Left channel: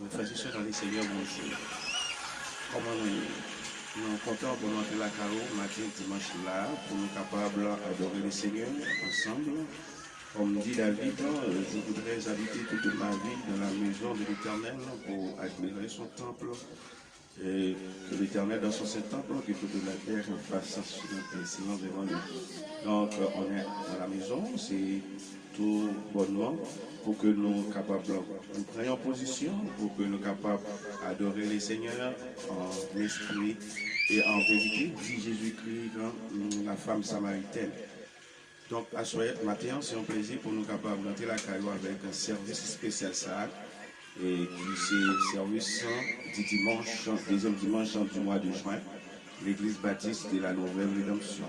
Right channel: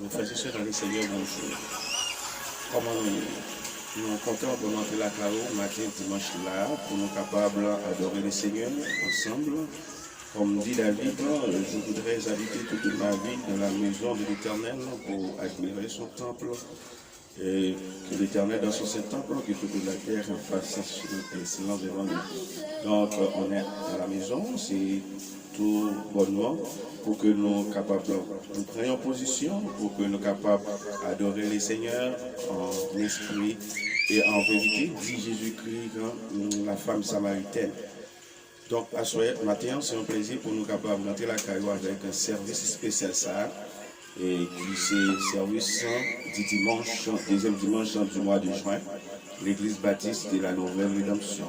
Nos frères et sœurs dans le Seigneur, bonjour. Comment nous sommes contents pour entrer la carreau matin, dimanche là, pour nous capables d'adorer le Seigneur ensemble. Comme dit David, je voudrais habiter toute ma vie dans la maison de l'Éternel pour admirer son temple. Et que l'Éternel dans son temple, que toute la terre fasse silence devant lui. Donc on est dans la maison, c'est tout bonnement pour que nous capables, nous prenions position, pour que nous capables d'adorer le Seigneur en esprit et en vérité, dit Jésus-Christ, la femme samaritaine. Donc, à ce matin, c'est un plaisir pour nous capables d'entrer la caillou avec un service spécial ça. Et qui c'est service du dimanche, deuxième dimanche du mois de juin, l'église baptiste de la Nouvelle Rédemption.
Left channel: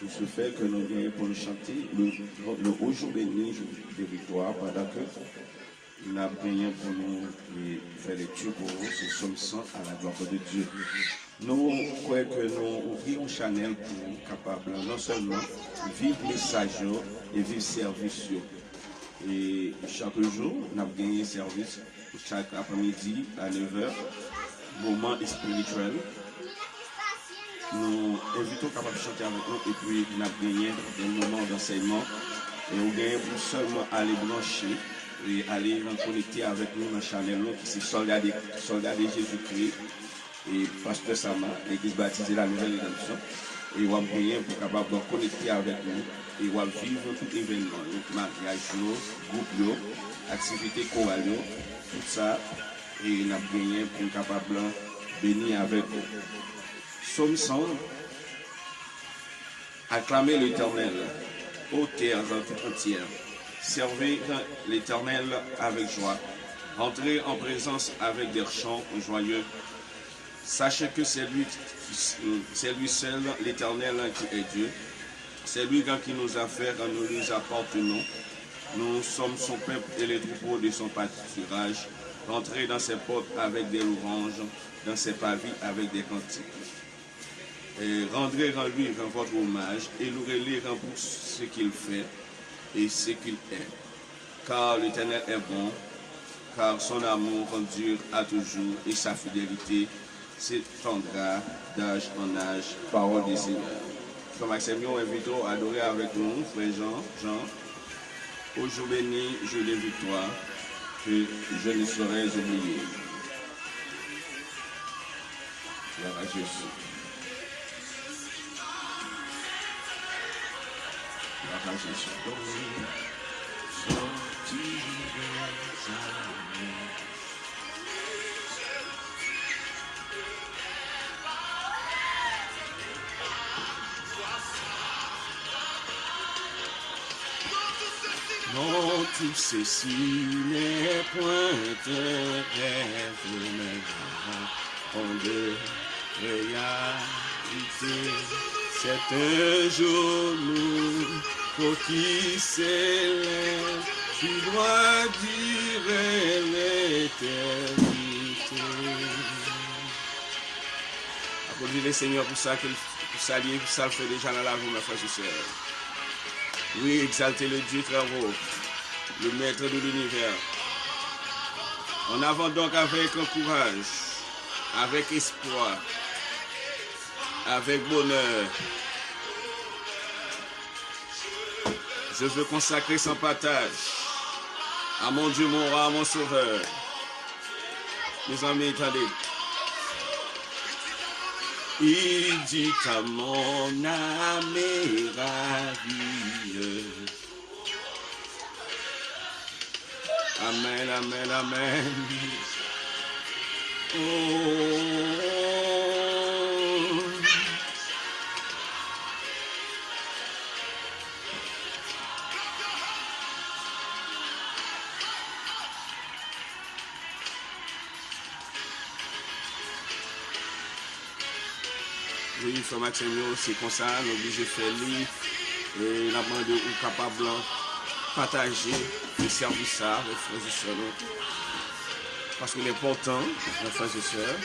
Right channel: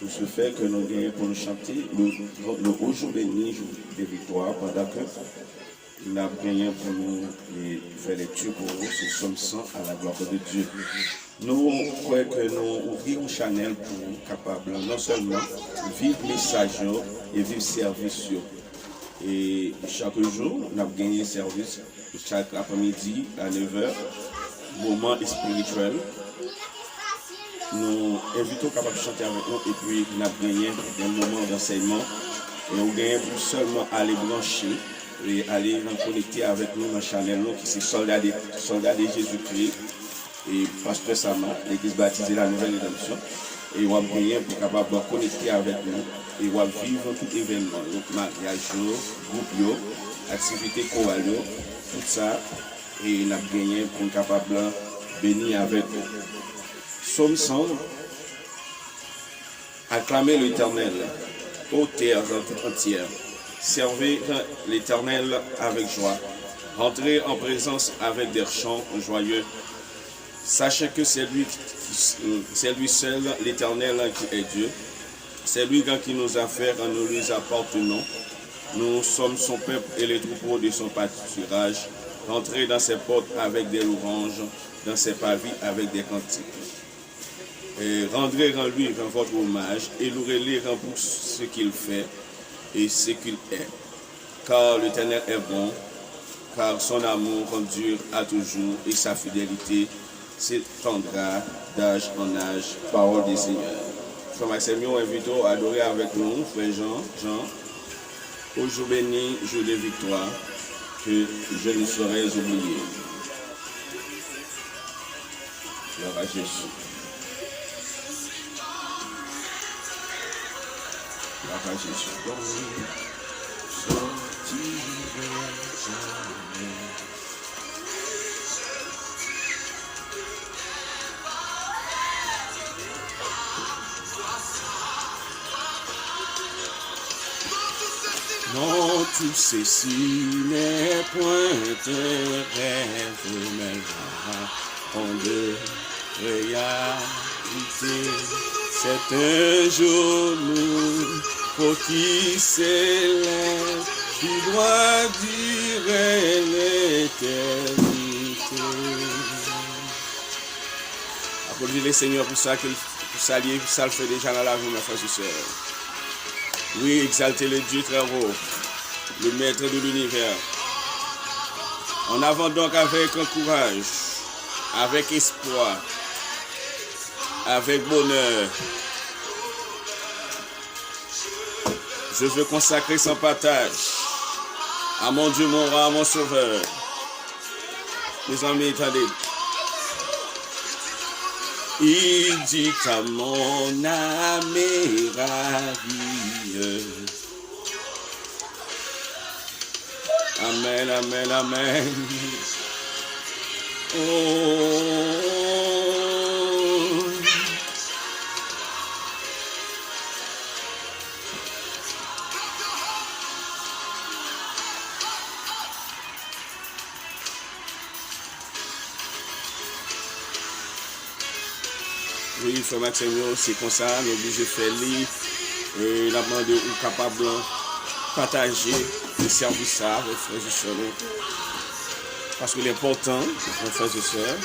Tout ce fait que nous gagnons pour nous chanter le haut jour béni, jour de victoire, pendant que nous avons gagné pour nous faire les tues pour eux, ce somme 100 à la gloire de Dieu. Nous croyons que nous ouvrons Chanel pour capable non seulement vivre message et vivre service. Et chaque jour, nous avons gagné service chaque après-midi à 9h, moment spirituel. Nous invitons capables de chanter avec nous et puis nous avons gagné un moment d'enseignement. Et nous gagnons pour seulement aller brancher et aller connecter avec nous dans Chanel, qui c'est soldat de Jésus-Christ et pasteur Sama, l'église baptiste de la Nouvelle Rédemption. Et nous avons gagné pour capable de connecter avec nous. Et on va vivre tout événement, donc mariage, groupe, activité chorale, tout ça, et on a gagné pour être capable de bénir avec nous. Somme 100, acclamer l'Éternel, ô terre tout entière, servez l'Éternel avec joie, entrez en présence avec des chants joyeux. Sachez que c'est lui seul, l'Éternel, qui est Dieu. C'est lui qui nous a fait, nous lui appartenons. Nous sommes son peuple et les troupeaux de son pâturage. Entrez dans ses portes avec des louanges, dans ses pavis avec des cantiques. Et rendrez en lui votre hommage et louez-le pour ce qu'il fait et ce qu'il est. Car l'Éternel est bon, car son amour dure à toujours et sa fidélité s'étendra d'âge en âge. Parole des Seigneurs. Frère Maxime, nous invitons à adorer avec nous, frère Jean, au jour béni, jour de victoire, que je ne saurais oublier. Gloire à Jésus. Gloire à Jésus. Non, tout ceci n'est point un rêve, mais en de réalité. C'est un jour nous, pour qui s'élève, tu dois dire l'éternité. Applaudissez le Seigneur pour ça, pour ça le fait déjà dans la vie, mes frères et sœurs. Oui, exaltez le Dieu très haut, le maître de l'univers. En avant donc avec courage, avec espoir, avec bonheur. Je veux consacrer sans partage à mon Dieu, mon roi, mon sauveur. Mes amis, attendez. Il dit à mon âme est ravie. Amen, amen, amen. Oh. Oui, frère Maxime, c'est comme ça, nous obligés de faire lire et la demande ou capable de partager le service avec frères et sœurs. Parce que l'important, mes frères et sœurs,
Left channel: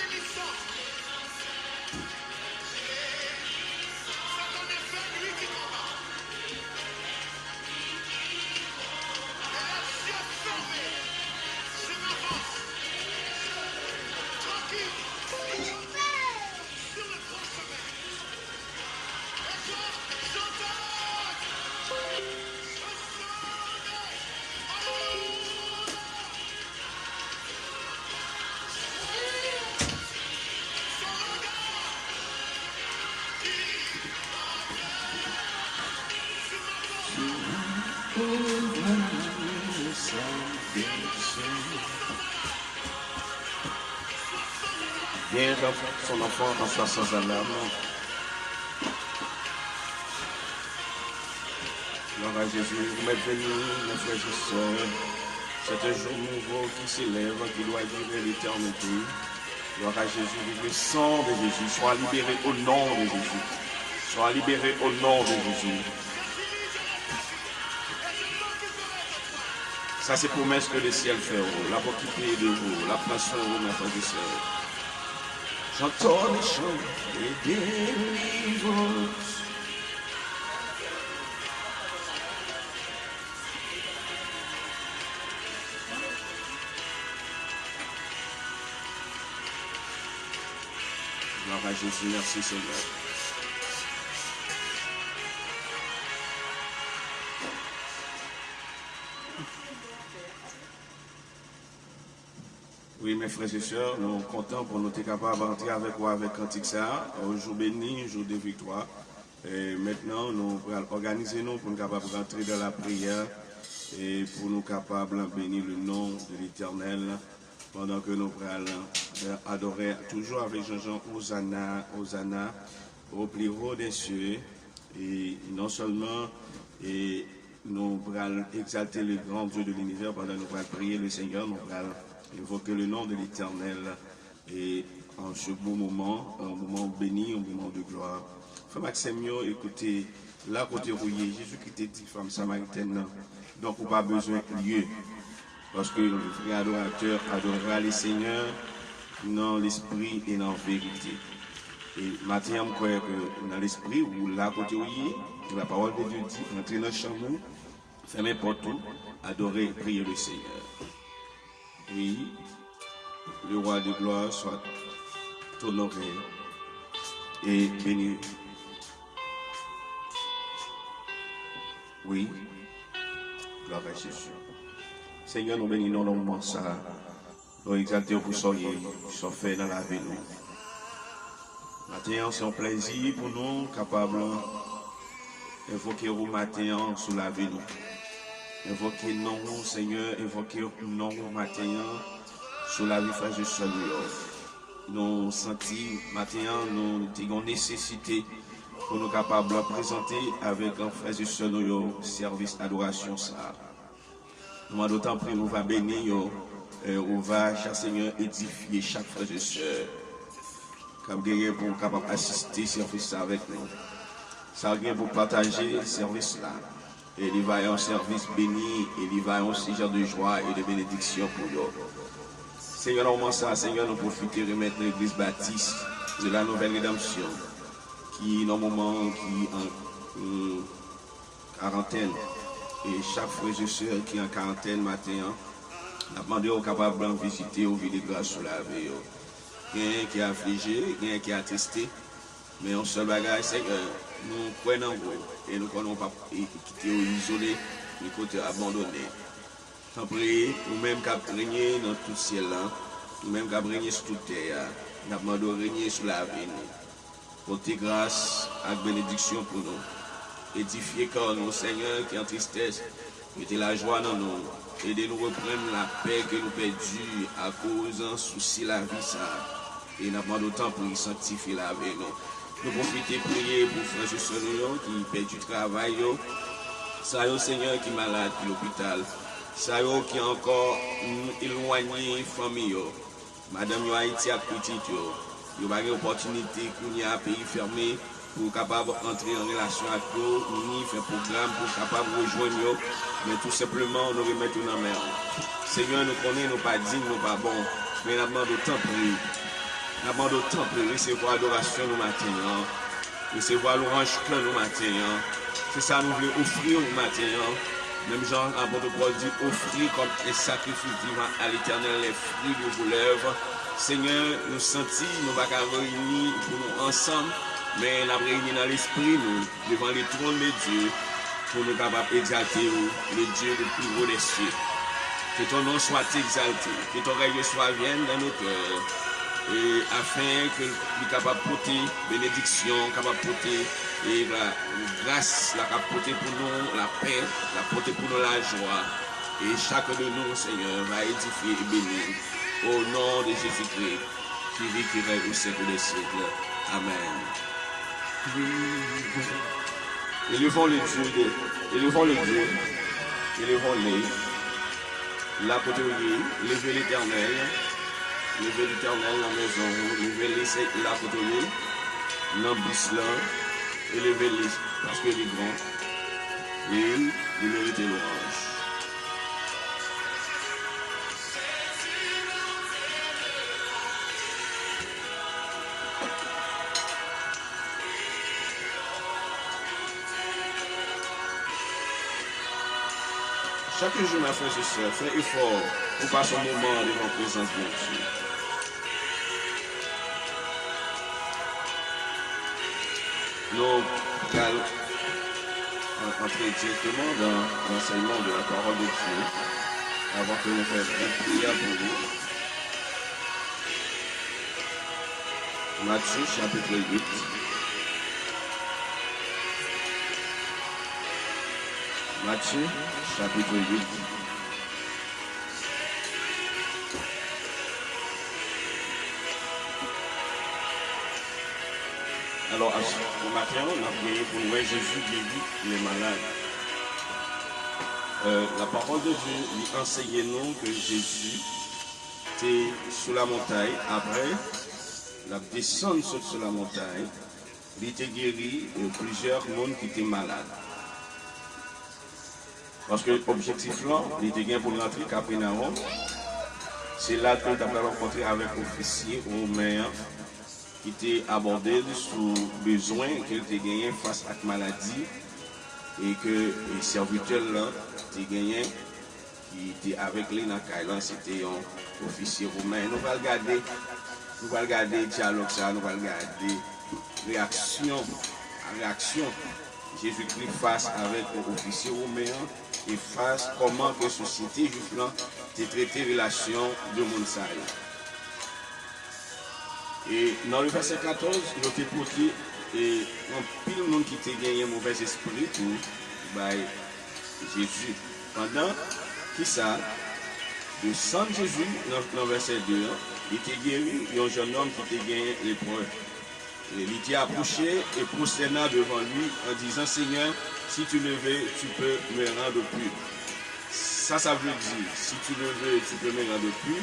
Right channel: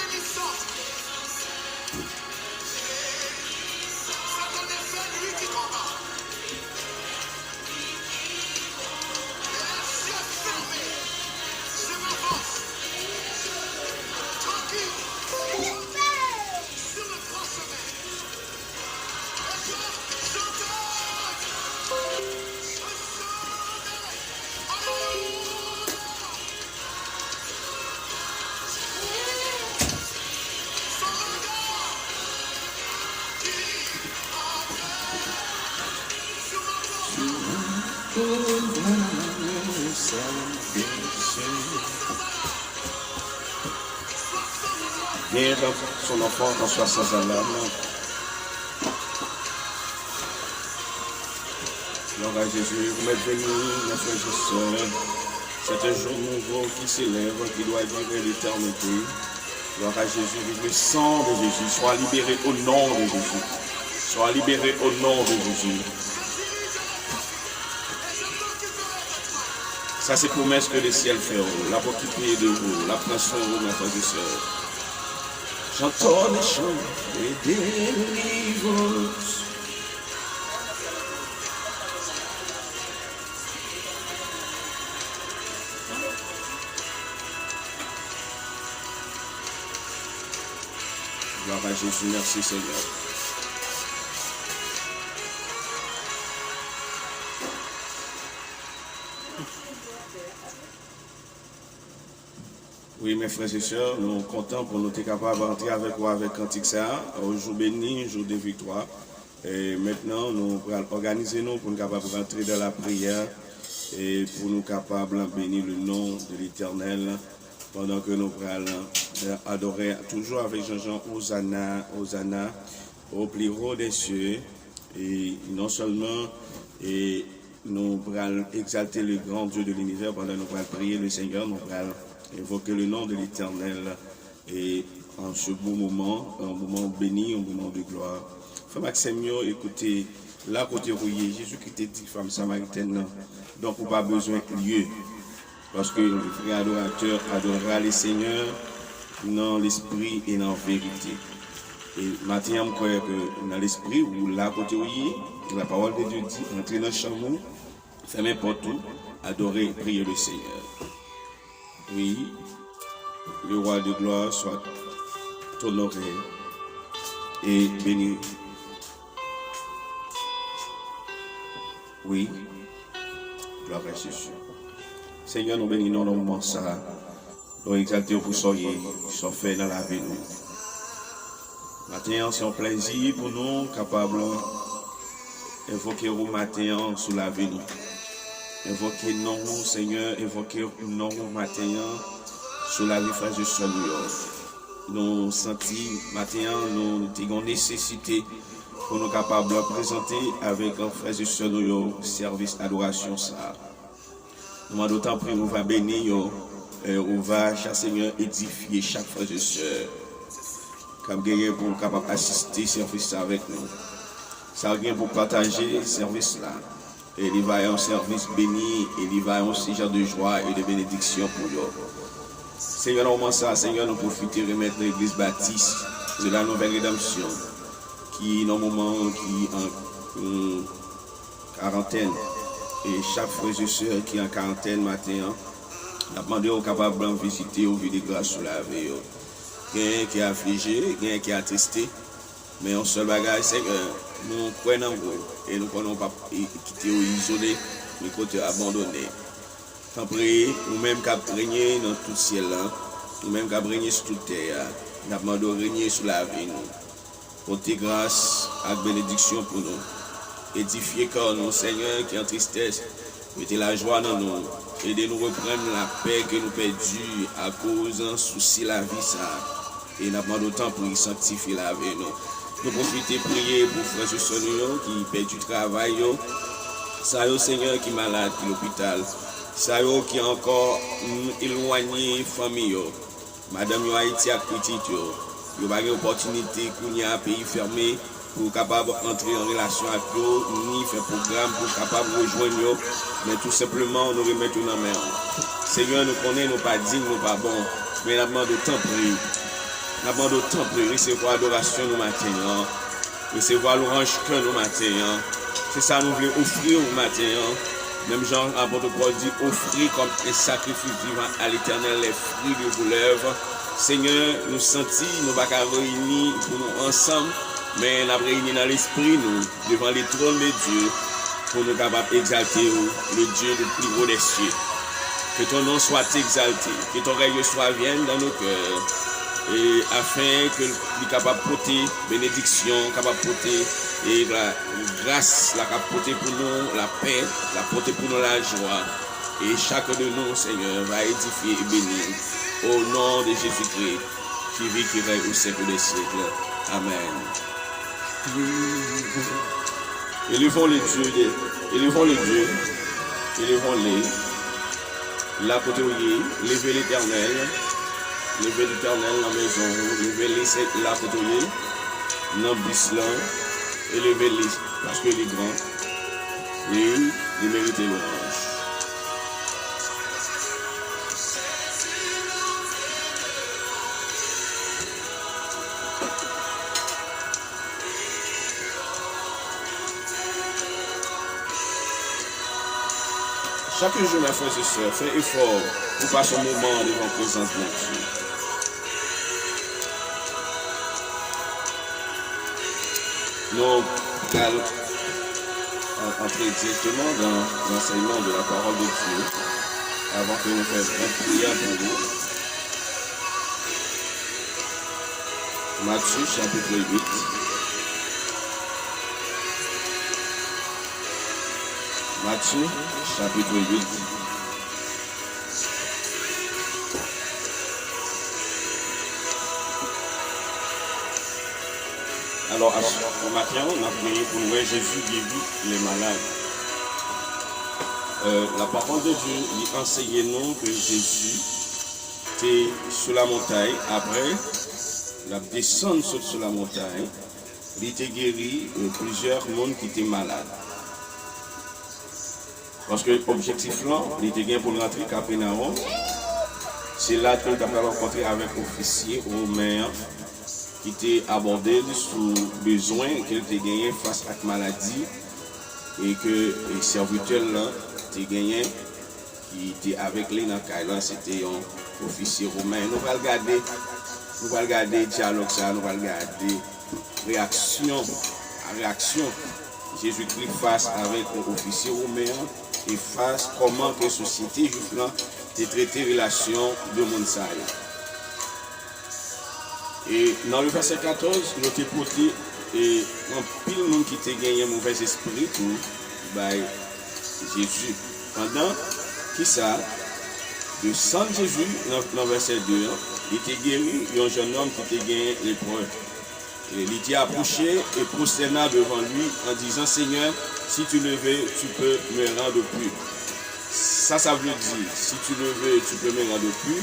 Viens dans son enfant en soit sans alarme. Gloire à Jésus, vous m'êtes bénis, mes frères et sœurs. C'est un jour nouveau qui s'élève, qui doit durer l'éternité. Gloire à Jésus, le sang de Jésus. Sois libéré au nom de Jésus. Sois libéré au nom de Jésus. Ça, c'est promesse que le ciel fait. La qui de vous, la prend sur vous, mes frères et sœurs. J'entends les chants et délivrance. Gloire à Jésus, merci Seigneur. Oui, mes frères et sœurs, nous sommes contents pour nous être capables d'entrer avec vous avec Cantique ça, un jour béni, un jour de victoire. Et maintenant, nous allons organiser nous pour nous capables de rentrer dans la prière et pour nous capables de bénir le nom de l'Éternel pendant que nous allons adorer toujours avec Jean-Jean Hosanna, Hosanna, au plus haut des cieux. Et non seulement nous allons exalter le grand Dieu de l'univers pendant que nous allons prier le Seigneur, nous allons invoquer le nom de l'Éternel et en ce beau moment, un moment béni, un moment de gloire. Frère Maxime, écoutez, là côté rouillé, Jésus qui t'a dit, femme samaritaine, donc on n'a pas besoin de lieu. Parce que le vrai adorateur adorera les seigneurs dans l'esprit et dans la vérité. Et maintenant, je crois que dans l'esprit, ou là côté rouillé, la parole de Dieu dit, entrez dans le chamou, fermez porte tout, adorez et priez le Seigneur. Oui, le roi de gloire soit honoré et béni. Oui, gloire à Jésus. Seigneur, nous bénissons dans le moment ça. Nous exaltons pour soyez, sont faits dans la vie. Matin, c'est un plaisir pour nous, capables d'évoquer au matin sous la vie. Invoquer non, Seigneur, invoquer non matin sur la vie frère de son nous sentons matin, nous avons nécessité pour nous capables de présenter avec un frère de son service d'adoration ça. Nous d'autant plus nous va bénir, on va, cher Seigneur, édifier chaque frère de sœur. Comme guerrier pour capable assister service avec nous. Ça vient pour partager le service là. Et il va y avoir un service béni, et il va y avoir un sujet de joie et de bénédiction pour nous. Seigneur, nous ça, Seigneur, nous profitons de remettre l'église baptiste de la nouvelle rédemption, qui est normalement qui en quarantaine. Et chaque frère et soeur qui est en quarantaine matin, a demandé aux capables de visiter au vide de grâce sur la vie. Quelqu'un qui est affligé, quelqu'un qui est attesté, mais un seul bagage, c'est que nous croyons en vous et nous ne pouvons pas quitter ou isoler, mais côté abandonné. Tant pis, nous-mêmes qui régner dans tout le ciel, nous-mêmes qui régner sur toute terre, nous demandons de régner sur la vie. Portez grâce et bénédiction pour nous. Édifiez quand nous, Seigneur, qui est en tristesse, mettez la joie dans nous. Aidez-nous à reprendre la paix que nous perdons à cause d'un souci de la vie. Et nous demandons autant pour y sanctifier la vie. Nous profitons prier pour frères et sœurs qui perdent du travail. Ça y est, Seigneur, qui est malade, qui est à l'hôpital. Ça y est, qui est encore éloigné de la famille. Madame Haïti a petite. Il y a une opportunité qu'on y a un pays fermé pour capable entrer en relation avec eux, ni faire programme pour capable rejoindre eux, mais tout simplement nous remettre dans la main. Seigneur, nous connaissons, nous pas dignes, nous pas bons, mais nous demandons tant plus. Nous demandons tant plus, recevoir l'adoration nous matin, recevoir l'orange cœur nous matin. C'est ça nous voulons offrir au matin. Même Jean apôtre Paul dit offrir comme un sacrifice vivant à l'Éternel les fruits de vos lèvres. Seigneur, nous sentons, nous ne pouvons pas réunir pour nous ensemble, mais nous avons réuni dans l'esprit, nous, devant les trônes de Dieu, pour nous capables d'exalter le Dieu le plus haut des cieux. Que ton nom soit exalté, que ton règne soit vienne dans nos cœurs, et afin que nous soyons capables de porter bénédiction, capables de porter et la grâce, la porter pour nous la paix, la porter pour nous la joie. Et chacun de nous, Seigneur, va édifier et bénir. Au nom de Jésus-Christ, qui vit, qui règne au siècle des siècles. Amen. Élevons les dieux, élevons-les. La côté où il est, levez l'Éternel dans la maison, levez-les la côté où il est, dans le bis là, élevez-les parce qu'il est grand, et il mérite louange. Chaque jour, mes frères et sœurs, fais effort pour passer un moment devant la présence de Dieu. Nous allons entrer directement dans l'enseignement de la parole de Dieu avant que nous fassions une prière pour vous. Matthieu chapitre 8. Matthieu chapitre 8. Alors, ce matin, on a prié pour voir Jésus guérir les malades. La parole de Dieu lui enseigne nous que Jésus était sur la montagne. Après, la descente sur la montagne, il était guéri plusieurs mondes qui étaient malades. Parce que l'objectif là, il était bien pour rentrer à Capernaum. C'est là qu'il a rencontré avec l'officier romain qui était abordé sous besoin qu'il était gagné face à la maladie et que les serviteurs là étaient gagnés qui était avec lui dans le cas. C'était un officier romain. Nous allons regarder le dialogue, nous allons regarder réaction à réaction. Jésus-Christ face avec l'officier romain et face comment que la société juive a traité la relation de Monsai. Et dans le verset 14, il a été porté et un pile de monde qui a gagné un mauvais esprit tout par Jésus. Pendant que ça, de sang de Jésus, dans le verset 2, il était guéri un jeune homme qui était gagné l'épreuve. Il était approché et prosterna devant lui en disant Seigneur, si tu le veux, tu peux me rendre plus. Ça veut dire, si tu le veux, tu peux me rendre plus.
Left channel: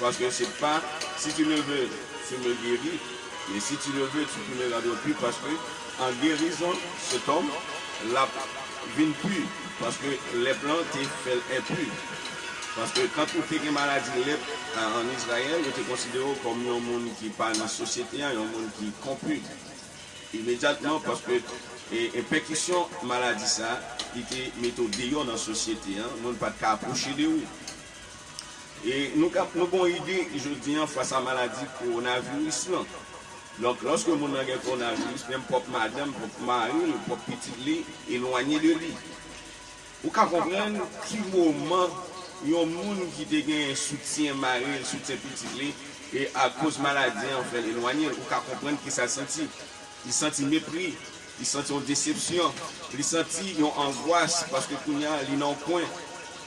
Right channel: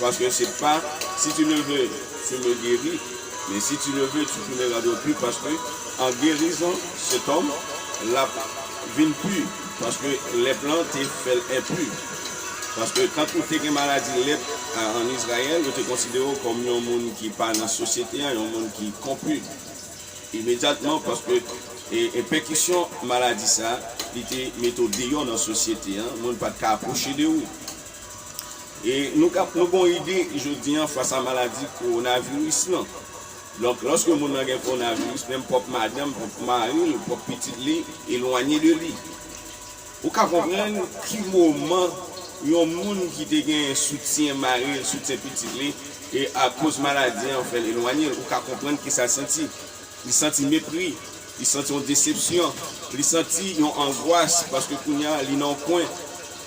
Parce que c'est pas, si tu le veux, tu me guéris. Mais si tu le veux, tu peux me rendre plus. Parce que en guérissant cet homme, la vie plus. Parce que les plantes fait impur. Parce que quand tu as une maladie en Israël, tu es considéré comme un monde qui parle dans la société, un monde qui est corrompu. Immédiatement, parce que et percussion maladie ça, il était méthode dans la société, le monde pas approcher de vous. Et nous avons une idée, je dis, face à la maladie coronavirus. Donc, lorsque le monde a un coronavirus, même propre madame, propre mari, le propre petit, éloigné de lui. Vous comprenez qui moment il y a un monde qui a un soutien mari, un soutien petit, et à cause de la maladie, en fait, éloigné, vous comprenez que ça senti. Il sentit mépris, il sentit une déception, il sentit une angoisse parce que il est dans le coin,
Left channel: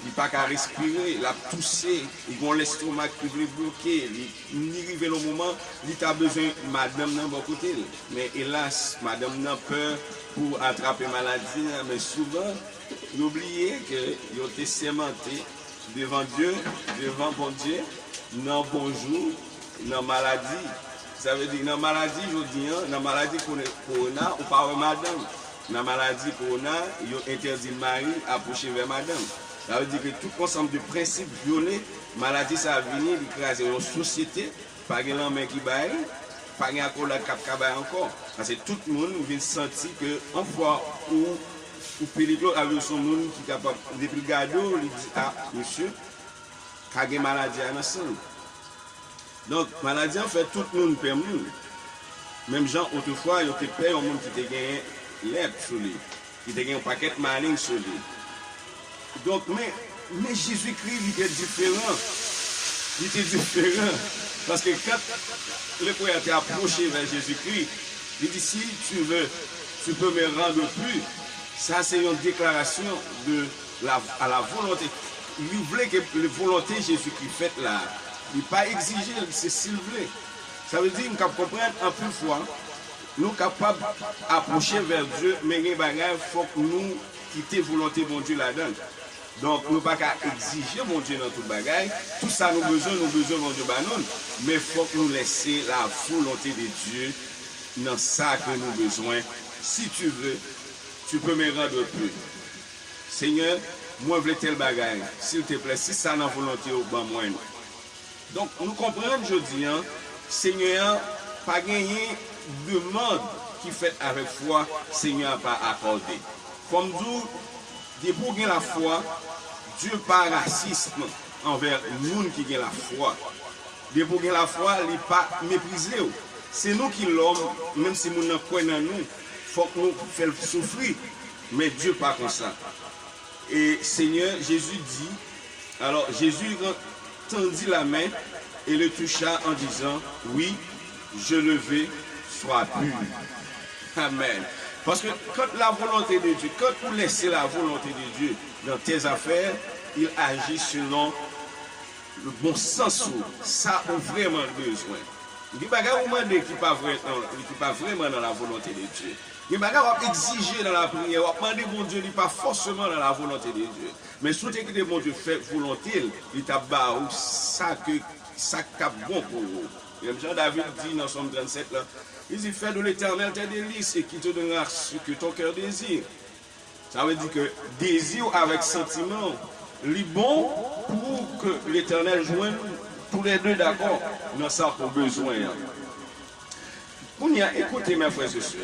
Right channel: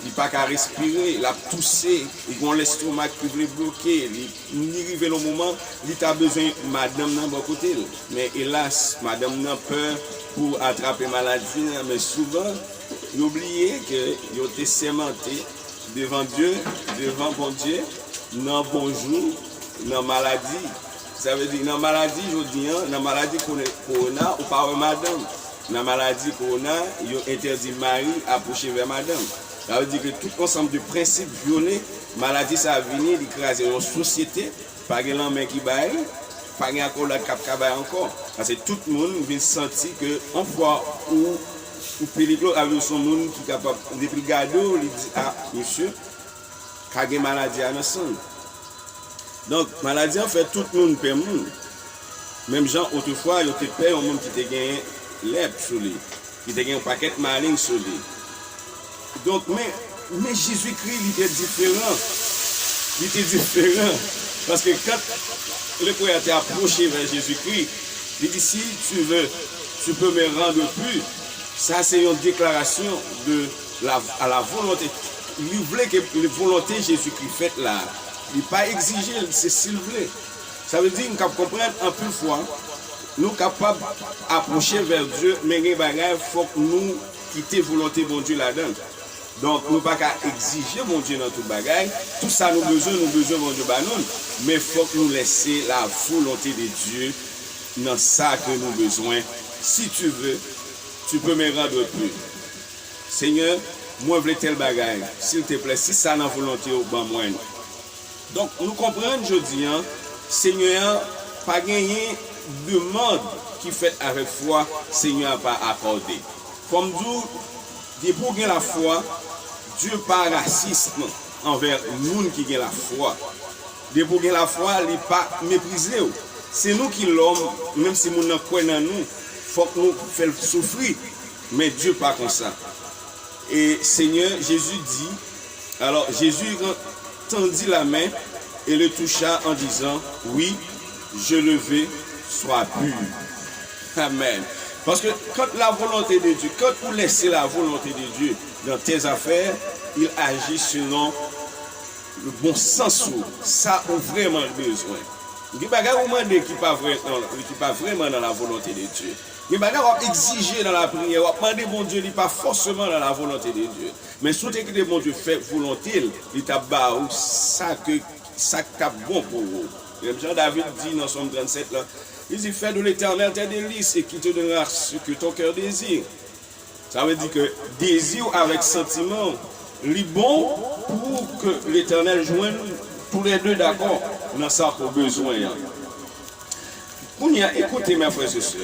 il n'a pas qu'à respirer, il a toussé, il a l'estomac qui voulait bloquer, il arrive au moment, il a besoin de madame dans le côté. Mais hélas, madame n'a peur pour attraper la maladie, mais souvent, il oublie qu'il a été sémenté devant Dieu, devant bon Dieu, dans bonjour, dans maladie. Ça veut dire, dans maladie, je dis, dans maladie corona, ou pas madame. Dans maladie corona, il interdit mari approcher vers madame. Ça veut dire que tout ensemble de principes violés, maladie, ça a venu d'écraser une société, pas de l'homme qui baille, pas de l'accord qui baille encore. Parce que tout le monde vient sentir que, en fois où pellicule avec son monde qui est capable de regarder, il dit ah monsieur, il y a une maladie à la sang. Donc, maladie en fait tout le monde peut mourir. Même gens autrefois, il y a des pères, un monde qui a gagné l'herbe sur lui, qui a gagné un paquet de malignes sur lui. Donc, mais Jésus-Christ, il était différent. Il était différent. Parce que quand le croyant est approché vers Jésus-Christ, il dit si tu veux, tu peux me rendre plus. Ça, c'est une déclaration à la volonté. Il voulait que la volonté de Jésus-Christ faite là. Il n'a pas exigé, c'est s'il voulait. Ça veut dire qu'on comprend en plus fois, nous sommes capables d'approcher vers Dieu, mais il faut que nous quittions volonté de Dieu là-dedans. Donc, nous ne pouvons pas exiger mon Dieu dans tout le bagage. Tout ça, nous besoin mon Dieu, mais il faut que nous laissions la volonté de Dieu dans ça que nous avons besoin. Si tu veux, tu peux me rendre plus. Seigneur, moi, je veux tel bagage. S'il te plaît, si ça n'a volonté, ben moi. Donc, nous comprenons aujourd'hui, hein, Seigneur, pas gagner demande qui fait avec foi, Seigneur n'a pas accordé. Comme nous, pour gagner la foi, Dieu pas raciste envers nous qui gagnent la foi. Pour gagner la foi, il n'est pas méprisé. C'est nous qui l'homme, même si nous ne croyons pas nous, il faut que nous fassions souffrir. Mais Dieu pas comme ça. Et Seigneur, Jésus dit, alors Jésus tendit la main et le toucha en disant, oui, je le veux, sois pur. Amen. Parce que quand la volonté de Dieu, quand vous laissez la volonté de Dieu dans tes affaires, il agit selon le bon sens où ça a vraiment besoin. Il n'y a pas qui pas vraiment dans la volonté de Dieu. Il n'y a pas exiger dans la prière, on va demander bon Dieu, il n'est pas forcément dans la volonté de Dieu. Mais si que bon Dieu fait volonté, il t'a barré ça que ça cap bon pour vous. Jean David dit dans Somme 37 là, il dit fais de l'Éternel tes délices et qui te donnera ce que ton cœur désire. Ça veut dire que désir avec sentiment, il bon pour que l'Éternel joigne tous les deux d'accord dans ça pour besoin. Écoutez mes frères et sœurs,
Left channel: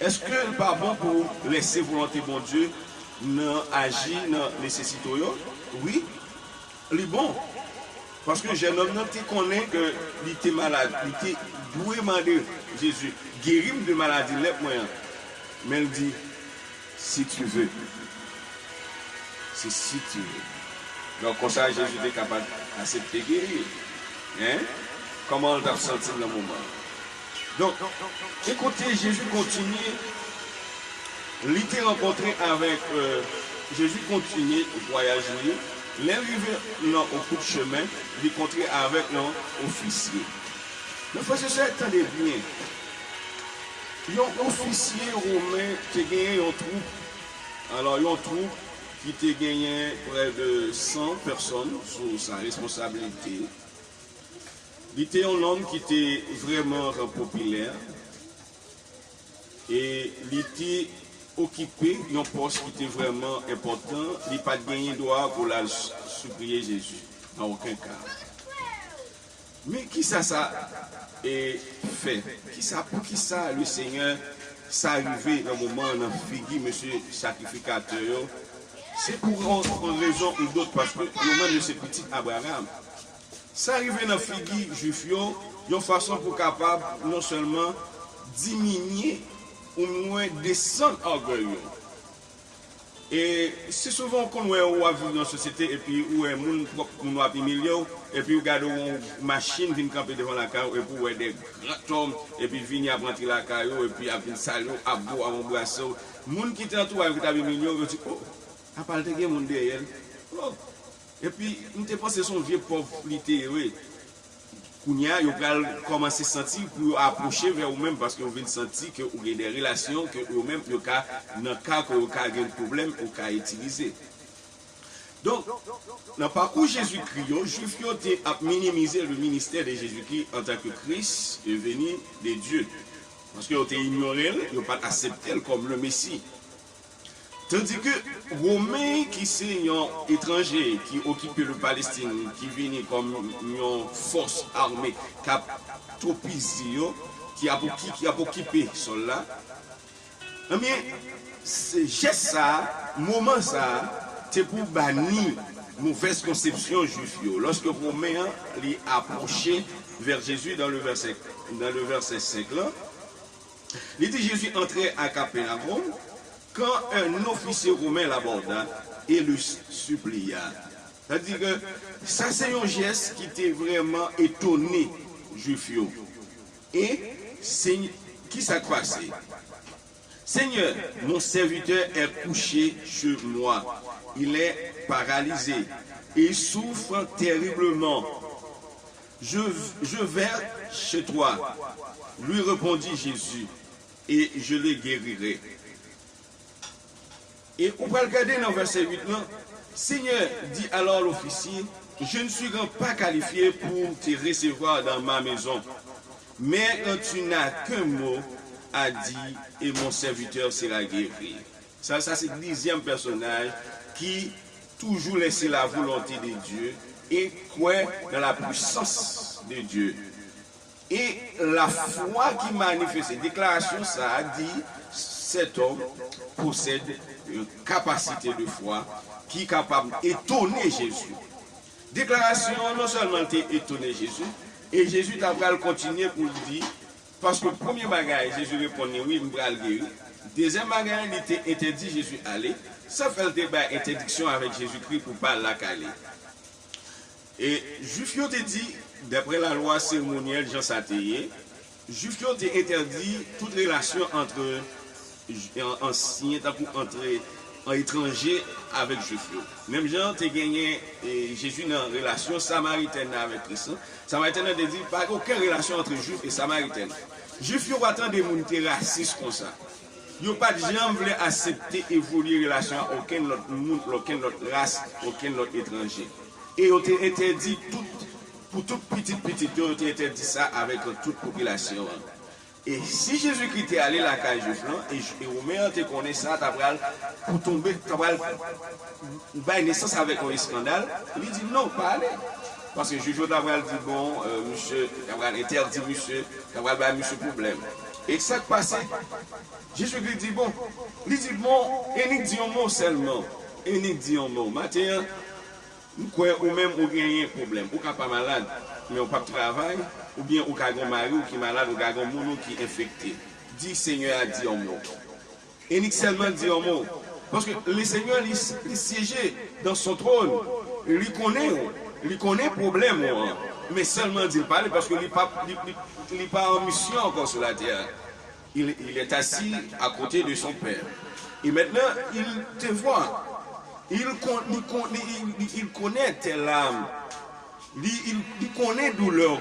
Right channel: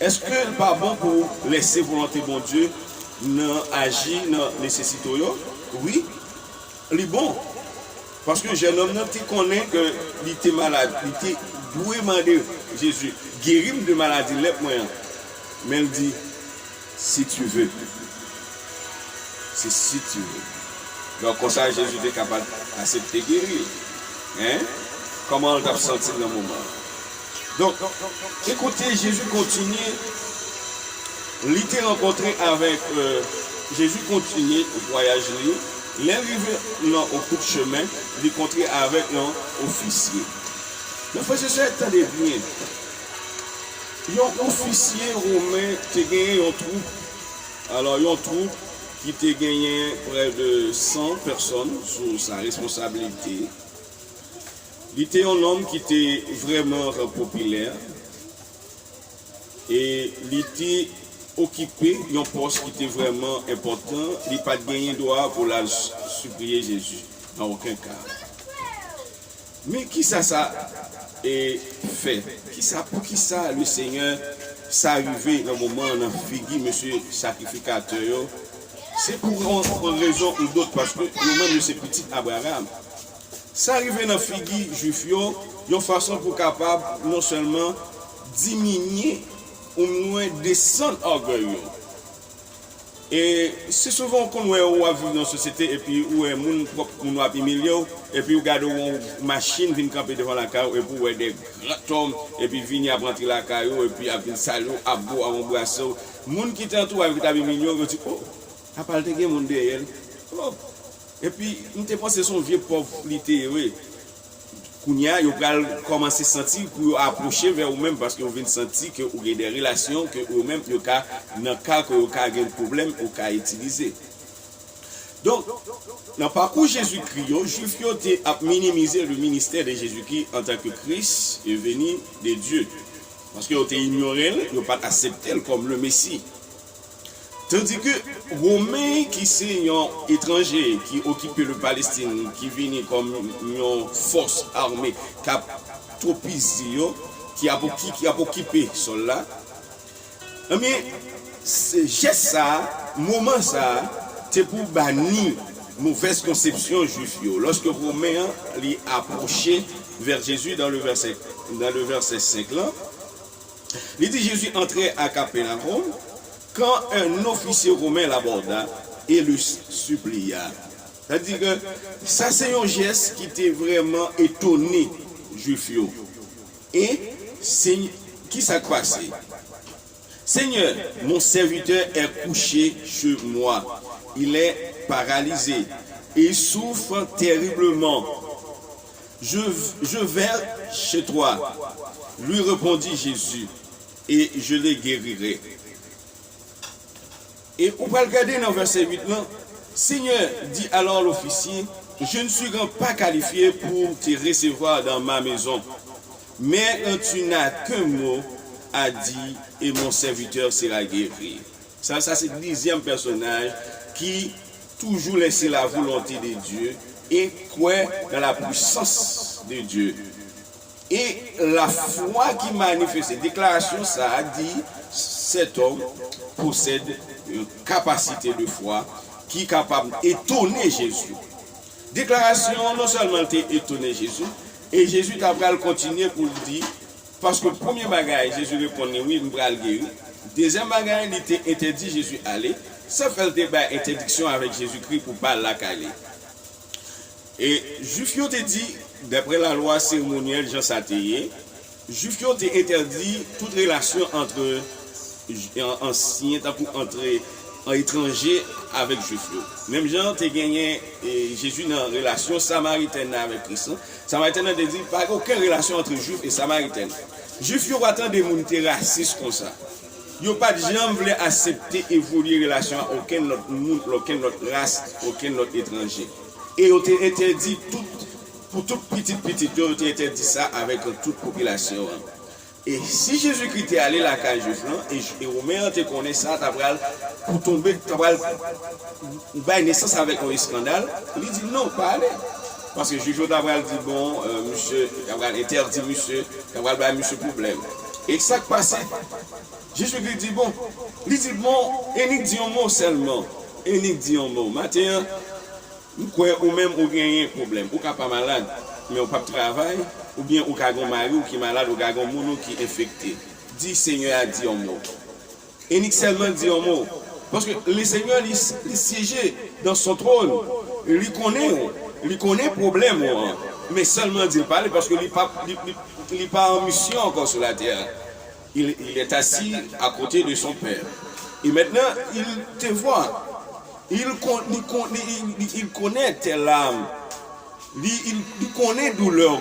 est-ce que ce n'est pas bon pour laisser volonté bon Dieu agir dans la nécessité? Oui, il est bon. Parce que jeune homme, tu connais qu'il était malade, il était doué demander Jésus, guéris de maladie, mais il dit, si tu veux. C'est si tu veux. Donc, comme ça, Jésus est capable d'accepter guérir. Hein? Comment on t'a senti dans le moment? Donc, écoutez, Jésus continue. Il était rencontré avec Jésus continue le voyage. L'arrivée au bout de chemin, il est rencontré avec un officier. Mais frère, c'est ça, attendez bien. Il y a un officier romain qui a gagné une troupe. Alors, il y a une troupe qui a gagné près de 100 personnes sous sa responsabilité. Il était un homme qui était vraiment populaire et il était occupé d'un poste qui était vraiment important. Il n'a pas gagné droit pour la supplier Jésus, dans aucun cas. Mais qui ça est fait? Pour qui ça le Seigneur s'est arrivé dans le moment dans Figui, monsieur sacrificateur? C'est pour une raison ou d'autre, parce que lui-même c'est petit Abraham. Ça arrive dans Figui juif, il y a une façon pour capable non seulement diminuer ou moins descendre orgueil. Et c'est souvent qu'on voit vivre dans la société et puis où est moun a humilié et puis regarde une machine vient camper devant la caillou et puis où des grands hommes et puis venir rentrer la caillou et puis à venir saluer à bout à embrasser. Moun qui t'entoure avec ta humilié, on dit oh, à part de moun derrière. Oh. Et puis, nous te pensons son vieux pauvre littéraire. Kounia, vous allez commencer à sentir pour approcher vers vous-même parce que vous venez sentir que vous avez des relations que vous-même, dans le cas que vous avez un problème, vous avez utilisé. Donc, dans le parcours Jésus-Christ, les Juifs ont minimisé le ministère de Jésus-Christ en tant que Christ est venu de Dieu. Parce qu'ils ont ignoré, ils n'ont pas accepté comme le Messie. Tandis que Romains qui sont étrangers, qui occupent le Palestine, qui viennent comme une force armée, qui a tropisé, qui a occupé cela, eh bien, c'est juste ça, moment ça, c'est pour bannir mauvaise conception juive. Lorsque Romains les approché vers Jésus dans le verset 5 là, il dit Jésus entrait à Capernaum. Quand un officier romain l'aborda et le supplia. C'est-à-dire que ça c'est un geste qui était vraiment étonné, juif. Et qui s'est passé? Seigneur, mon serviteur est couché chez moi. Il est paralysé et souffre terriblement. je vais chez toi, lui répondit Jésus, et je les guérirai. Et on va regarder dans verset 8 là, Seigneur, dit alors l'officier, je ne suis pas qualifié pour te recevoir dans ma maison, mais tu n'as qu'un mot à dire et mon serviteur sera guéri. Ça c'est le 10e personnage qui toujours laisse la volonté de Dieu et croit dans la puissance de Dieu. Et la foi qui manifeste, déclaration, ça a dit, cet homme possède une capacité de foi qui est capable d'étonner Jésus. Déclaration, non seulement étonner Jésus, et Jésus t'a continué pour le dire, parce que le premier bagage, Jésus répondait, oui, je vais le guérir. Deuxième bagage, il était interdit Jésus aller. Ça fait le débat interdiction avec Jésus-Christ pour ne pas la caler. Et Juif te dit, d'après la loi cérémonielle Jean Sateye, Juif te interdit toute relation entre anciens, entre étrangers avec Juif. Même Jean te gagné Jésus dans une relation samaritaine avec Christ. Samaritaine te dit pas aucune relation entre Juifs et Samaritaines. Juifs yo attend des gens racistes comme ça. Yo pas de gens voulaient accepter évoluer relation à aucun autre monde, aucune autre race, aucun autre étranger. Et on t'a interdit tout, pour toute petite, on t'a interdit ça avec toute population. Et si Jésus-Christ est allé à la cage et Romain te connaît ça, pour tomber, tu as naissance avec un scandale, il dit non, pas aller. Parce que Jésus d'Abraham dit bon, monsieur, Abraham interdit monsieur, Abraham monsieur problème. Et ça qui passe, Jésus-Christ dit bon, il dit bon, et il dit un mot seulement, et il dit un mot. Maintenant, nous croyons ou même ou gagnez un problème, ou pas malade, mais ou pas travail, ou bien ou un mari ou qui est malade, ou un mono qui est infecté. Dit Seigneur a dit un mot. Et il seulement dit un mot. Parce que le Seigneur, il siège dans son trône, il connaît le problème, mais seulement dit parler parce qu'il n'est pas en mission encore sur la terre. Il est assis à côté de son Père. Et maintenant, il te voit. Il connaît tes larmes. Il connaît douleur.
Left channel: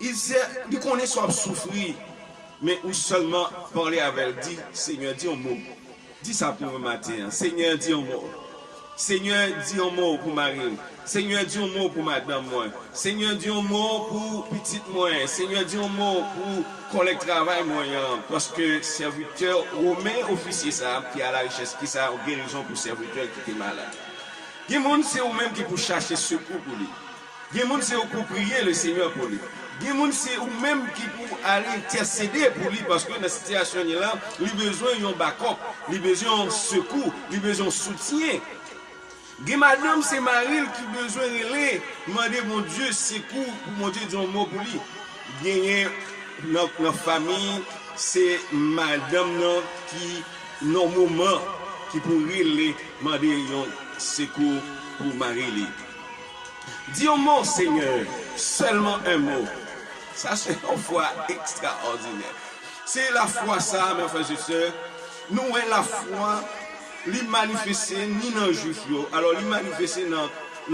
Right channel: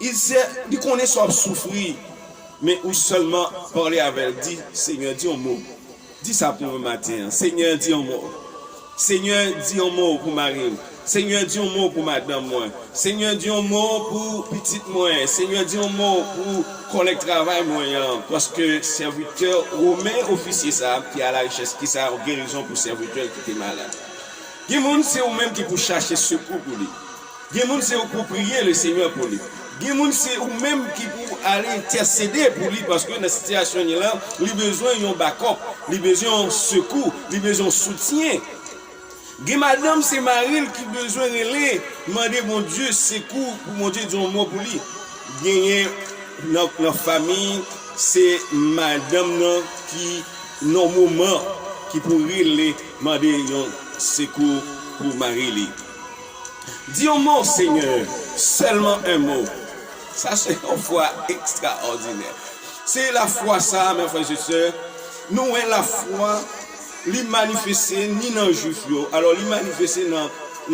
Il connaît son souffrir. Mais ou seulement parler avec elle, dit Seigneur, dis un mot. Dis ça pour le matin. Seigneur, dis un mot. Seigneur, dis un mot pour Marie. Seigneur, dis un mot pour madame moi. Seigneur, dis un mot pour petite moi. Seigneur, dis un mot pour collègue travail moyen. Parce que serviteur, romain officier ça, qui a la richesse, qui a une guérison pour serviteur qui est malade. Il y a des gens c'est eux-mêmes qui pour chercher secours pour lui. Il y a des gens c'est eux pour prier le Seigneur pour lui. Il y a des gens c'est eux-mêmes qui pour aller intercéder pour lui parce que dans cette situation là, il a besoin d'un backup, il a besoin d'un secours, il a besoin d'un soutien. Madame, c'est Marie qui a besoin de aller demander mon Dieu secours pour mon Dieu dire un mot pour lui. Gagner notre famille, c'est madame qui, dans le moment, qui pourrait aller demander un secours pour Marie. Dis un mot, Seigneur, seulement un mot. Ça, c'est une foi extraordinaire. C'est la foi, ça, mes frères et sœurs. Nous, la foi. Li manifester ni dans juif yo alors li manifester dans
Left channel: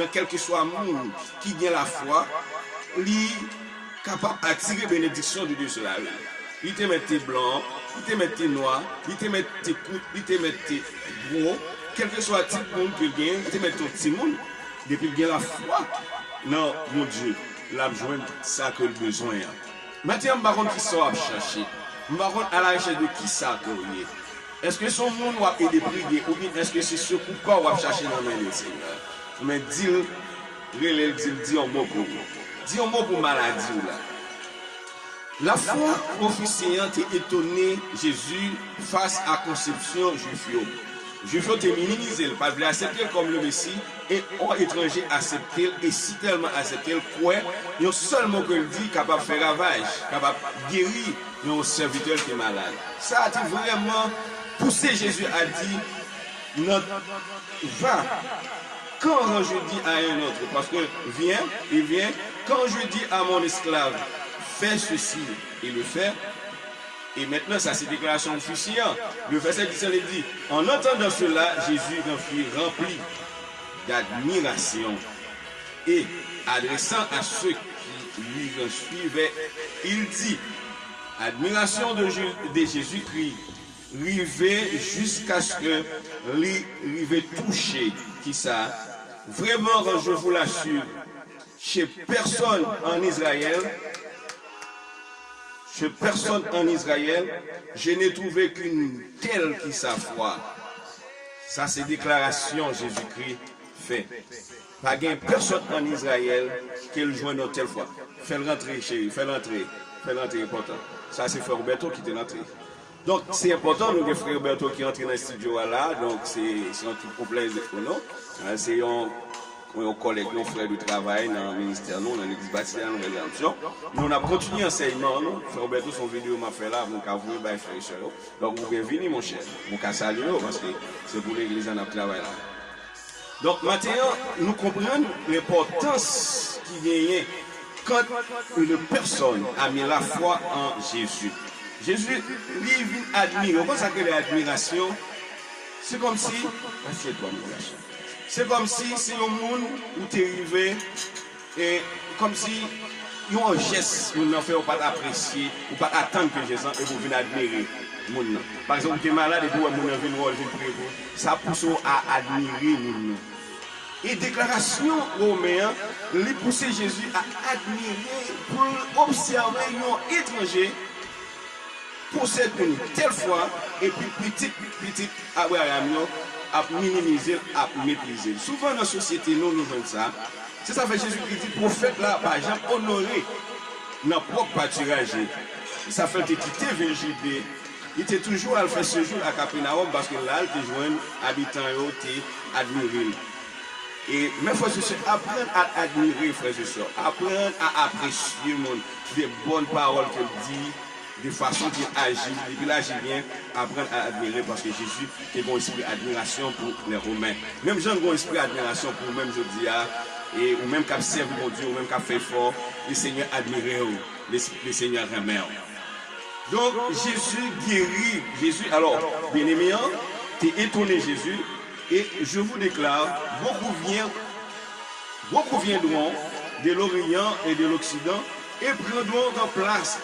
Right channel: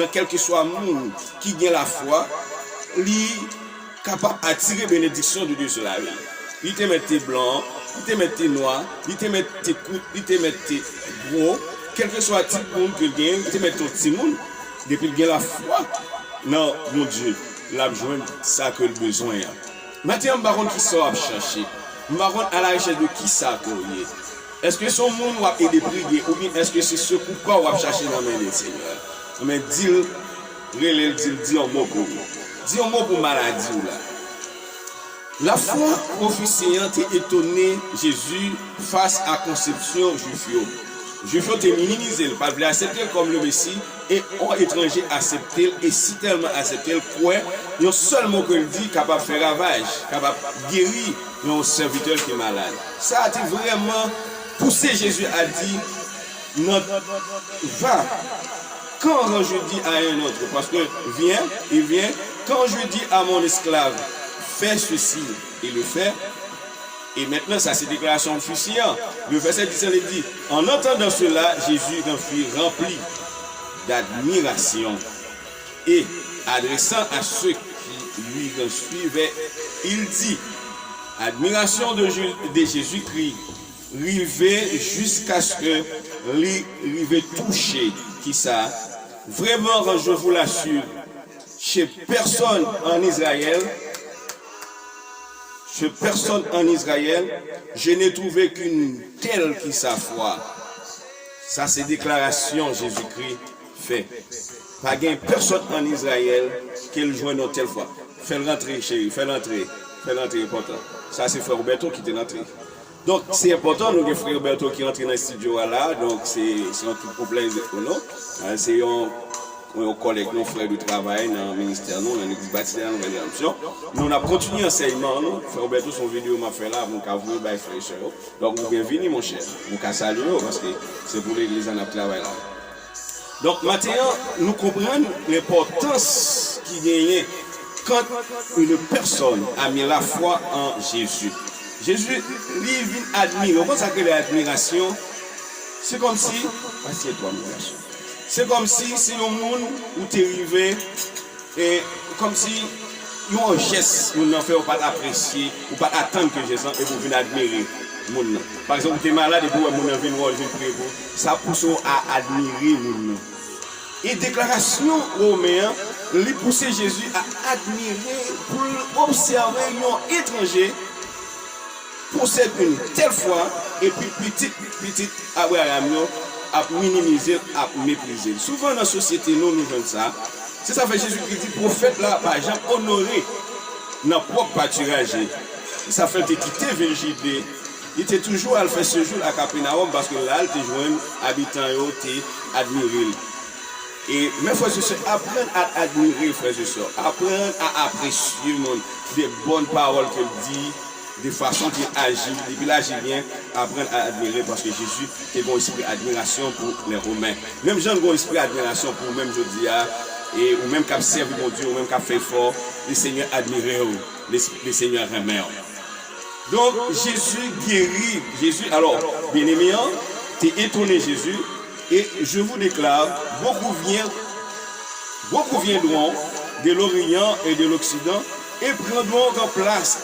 quel que soit monde qui gagne la foi li capable attirer bénédiction de Dieu sur la vie. Il te mette blanc, il te mette noir, il te mette court, il te mette gros, quel que soit type monde que gagne, il te mette ton petit monde depuis qu'il gagne la foi. Non, mon Dieu, l'a besoin ça que le besoin. Maintenant baron qui sort à chercher. Baron à la recherche de qui ça courrier. Est-ce que son monde va aider prier ou bien est-ce que c'est ce coup pas va chercher dans le Seigneur? Mais dis un mot pour vous. Dis un mot pour maladie là. La foi officiante est étonné Jésus face à la conception juif. Juif te minimisé, il pas voulu accepter comme le Messie et en étranger accepté et si tellement accepté quoi, il y a seulement que il dit capable de faire ravage, capable de guérir un serviteur qui est malade. Ça a été vraiment poussé Jésus a dit va quand je dis à un autre parce que il vient quand je dis à mon esclave fais ceci il le fait et maintenant ça c'est déclaration officielle. Le verset 17 dit en entendant cela Jésus fut rempli d'admiration et adressant à ceux qui lui suivaient, il dit, admiration de Jésus-Christ, rivé jusqu'à ce que rivé touché, qui ça, vraiment, je vous l'assure, chez personne en Israël, je n'ai trouvé qu'une telle qui sa foi. Ça, c'est déclaration Jésus-Christ fait. Pas de personne en Israël qui le joint dans telle foi. Fais-le rentrer, chérie, fais-le rentrer. Fais-le rentrer, important. Ça, c'est frère Roberto qui est rentré. Donc, c'est important, nous, les frères Roberto qui rentrent dans le studio là. Donc, c'est un tout complet, non? C'est un collègue, nos frères de travail dans le ministère, nous, dans l'église bâtie, dans l'organisation. Nous, on a continué l'enseignement, nous. Frère Roberto, son vidéo m'a fait là, vous avez vu, frère et soeur. Donc, vous bienvenue, mon cher. Vous pouvez saluer, parce que c'est pour l'église, on a travaillé là. Donc, maintenant, nous comprenons l'importance qui gagne quand une personne a mis la foi en Jésus. Jésus, lui, vient admirer. Vous savez que l'admiration, c'est comme si, assieds-toi, mon garçon. C'est comme si c'est un monde où tu es arrivé, et comme si il y a un geste, vous n'en faites pas apprécier, ou pas attendre que Jésus et vous venez admirer. Par exemple, vous êtes malade et vous venez voir, ça pousse à admirer nous. Et déclaration romaine, lui pousser Jésus à admirer, pour observer un étranger, possède une telle foi, et puis petit Abraham à minimiser, à mépriser. Souvent dans la société, nous faisons ça. C'est ça fait Jésus qui dit, prophète là, par exemple, honoré dans propre pâturage. Ça fait quitter Virginie. Il était toujours à faire ce jour à Capernaum parce que là, il était joint habitant, il était admiré. Et mes frères et sœurs, apprendre à admirer, frères et sœurs, apprendre à apprécier le monde, des bonnes paroles qu'il dit, des façons qu'il agit, depuis là, j'ai bien apprendre à admirer parce que Jésus a un esprit d'admiration pour les Romains. Même Jean a un esprit d'admiration pour même Jodia, et ou même qui a servi mon Dieu, ou même qui a fait fort, les seigneurs admirés, les seigneurs aimés. Donc Jésus guérit, Jésus, alors, bien-aimé, tu es étonné Jésus, et je vous déclare, beaucoup viendront de l'Orient et de l'Occident et prendront en place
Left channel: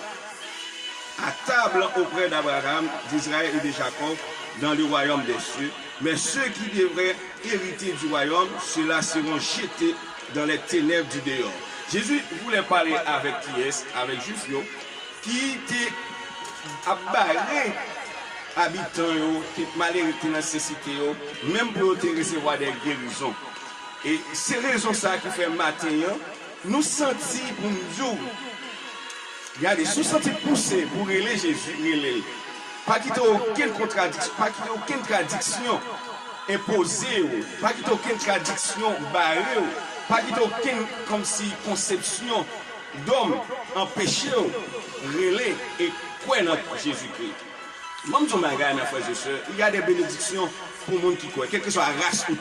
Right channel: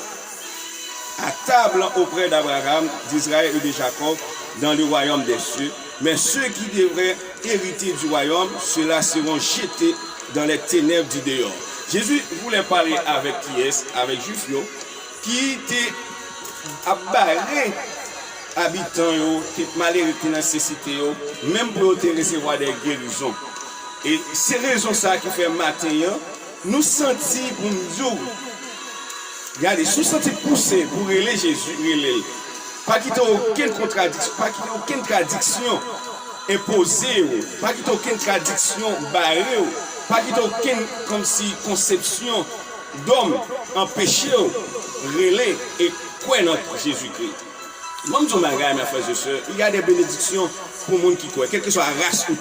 à table auprès d'Abraham, d'Israël et de Jacob dans le royaume des cieux. Mais ceux qui devraient hériter du royaume, ceux-là seront jetés dans les ténèbres du dehors. Jésus voulait parler avec qui est, avec Juifio, qui était abarré habitants, qui malheureux, qui nécessité, même pour recevoir des guérisons. Et c'est raison ça qui fait matin, nous sentis pour nous dire, regardez, nous sentis pousser pour relayer Jésus, pas qu'il n'y ait aucune contradiction, pas qu'il n'y ait aucune tradition imposée, pas qu'il n'y ait aucune tradition barrée, pas qu'il n'y ait aucune comme si conception d'homme empêché, relayer et quoi dans Jésus-Christ. Même si on a gagné, mes frères et sœurs, il y a des bénédictions pour les gens qui croient, quelle que soit la race ou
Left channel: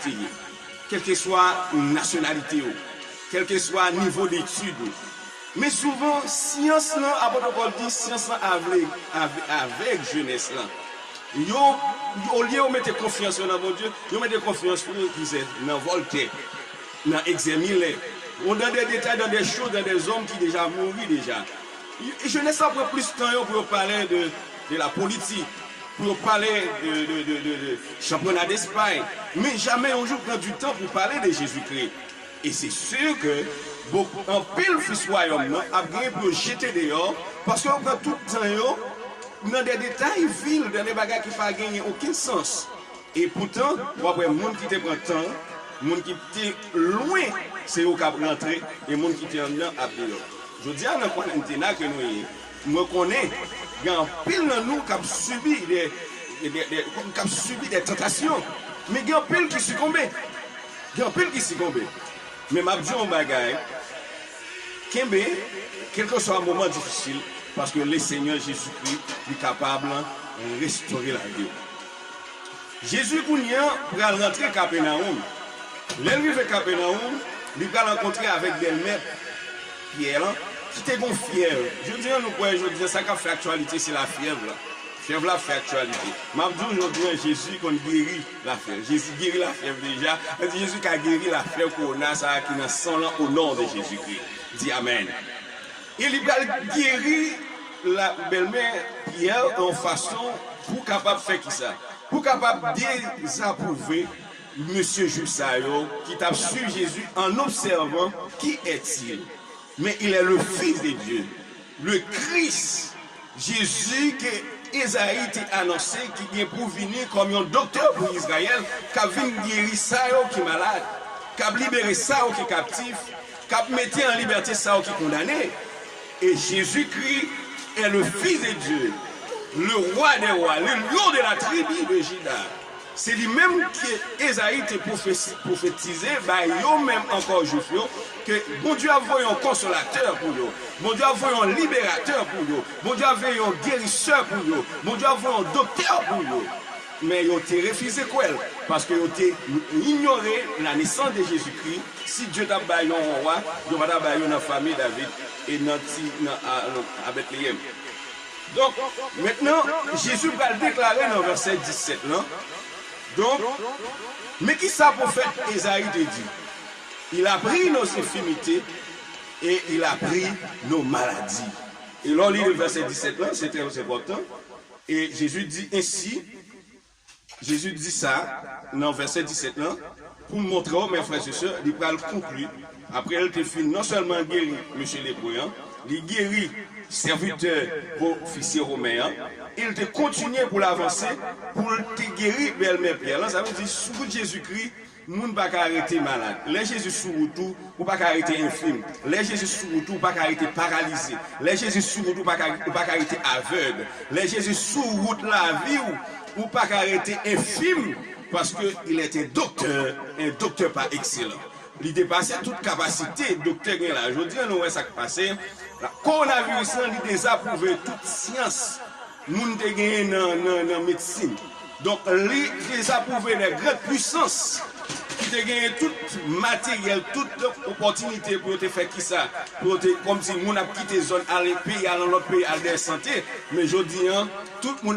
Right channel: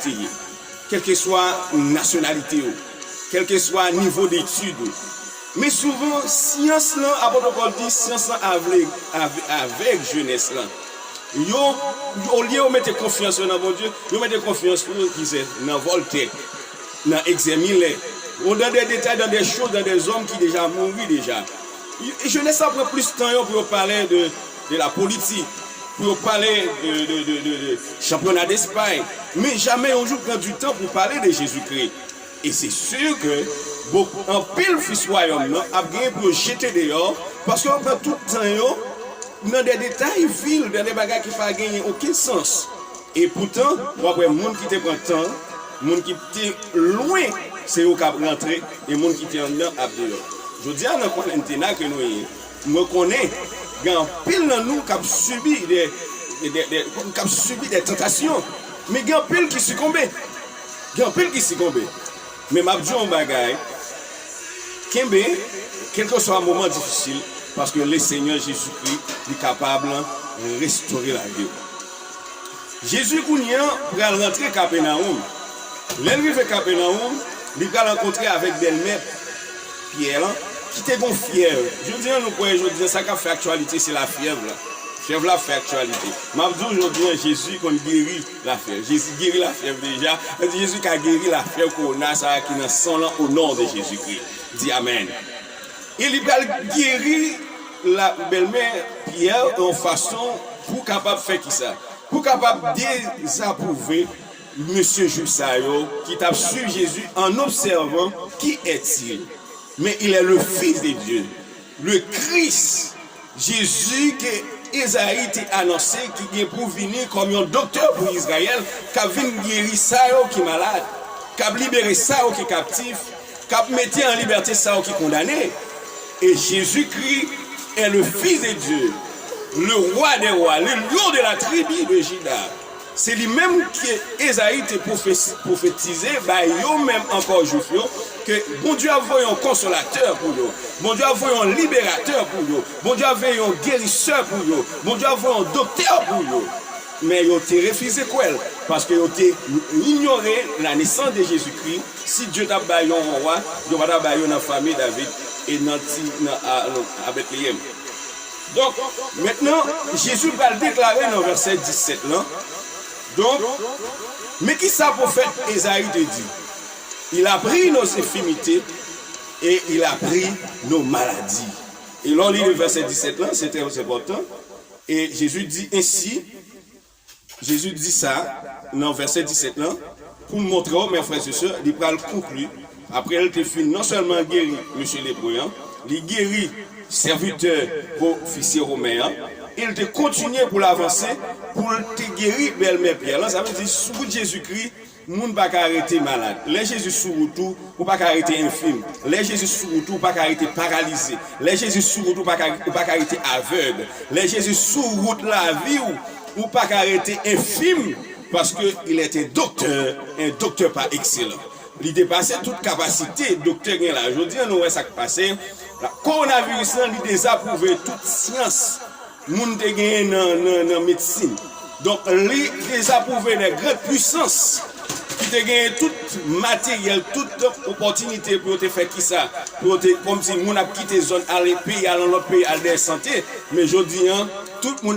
quelle que soit la nationalité, quel que soit le niveau d'études. Mais souvent, science, l'apôtre Paul dit, science avec jeunesse. Au lieu de mettre confiance dans mon Dieu, ils mettent confiance dans Voltaire, dans Exemile, ou dans des détails, dans des choses, dans des hommes qui déjà mourent déjà. Et jeunesse après plus de temps pour parler de la politique, pour parler de championnat d'Espagne, mais jamais un jour prend du temps pour parler de Jésus-Christ. Et c'est sûr que un pile fils royaume a gagné pour jeter dehors, parce qu'on prend tout le temps dans des détails vils, dans des bagages qui ne font gagner aucun sens. Et pourtant, après, les gens qui te prennent temps, les gens qui étaient loin, c'est eux qui ont rentré, et les gens qui étaient en dedans, dehors. Je dis à notre quarantaine que nous connaissons, il y a un pile dans nous qui a subi des tentations, mais il y a un pile qui succombe. Il y a un pile qui succombe. Mais je dis un bagage, quel que soit un moment difficile, parce que le Seigneur Jésus-Christ est capable de restaurer la vie. Jésus va rentrer à Capernaum. L'arrivée à Capernaum, il va rencontrer avec Delmètre, Pierre, qui était fièvre. Je dis, nous pouvons dire ça qui a fait actualité, c'est la fièvre. Fièvre la fait actualité. M'a dit aujourd'hui, Jésus qu'on guérit la fièvre. Jésus guérit la fièvre déjà. Jésus qui a guéri la fièvre corona, ça qui est son nom au nom de Jésus-Christ. Dis Amen. Il a guéri la belle-mère Pierre en façon pour capable de faire qui ça? Pour capable de désapprouver Monsieur Jussayo qui t'a su Jésus en observant qui est-il. Mais il est le Fils de Dieu, le Christ, Jésus que Isaïe t'a annoncé qui est pour venir comme un docteur pour Israël, qui a venu guérir ça qui est malade, qui a libéré ça qui est captif, qui a mis en liberté ça qui est condamné. Et Jésus-Christ est le Fils de Dieu, le roi des rois, le lion de la tribu de Juda. C'est lui-même que Esaïe t'a prophétisé, même encore juif, que bon Dieu a envoyé un consolateur pour eux, bon Dieu a envoyé un libérateur pour eux, bon Dieu a envoyé un guérisseur pour eux, bon Dieu a envoyé un docteur pour eux. Mais ils ont refusé quoi? Parce qu'ils ont ignoré la naissance de Jésus-Christ. Si Dieu t'a baillé un roi, Dieu va bailler dans la famille David et à Bethléem. Donc, maintenant, Jésus va le déclarer dans le verset 17 là. Donc, mais qui ça prophète Esaïe te dit? Il a pris nos infirmités et il a pris nos maladies. Et là, on lit le verset 17 là, c'est très important. Et Jésus dit ainsi, Jésus dit ça dans le verset 17 là, pour montrer aux mes frères et sœurs, il va le conclure. Après, elle te fait non seulement guérir M. Lépreux, il guérit serviteur pour officier romain. Il te continue pour l'avancer, pour te guérir belle-mère Pierre. Là, ça veut dire, sous Jésus-Christ, le monde ne peut pas arrêter malade. Les Jésus sous tout, ou pas arrêter infime. Les Jésus sous tout, pas arrêter paralysé. Les Jésus sous tout, pas arrêter aveugle. Les Jésus sous route la vie, ou pas arrêter infime, parce qu'il est un docteur pas excellent. Il dépassait toute capacité, docteur là. Je dis, nous, ça qui passe. Le coronavirus, il désapprouvé toute science. Moun te gagné dans la médecine. Donc, les désapprouvé les grandes puissances qui te gagné tout matériel, toute opportunité pour te faire qui ça, comme si moun a quitté zone aller pays, aller dans l'autre pays, aller santé. Mais je dis, tout le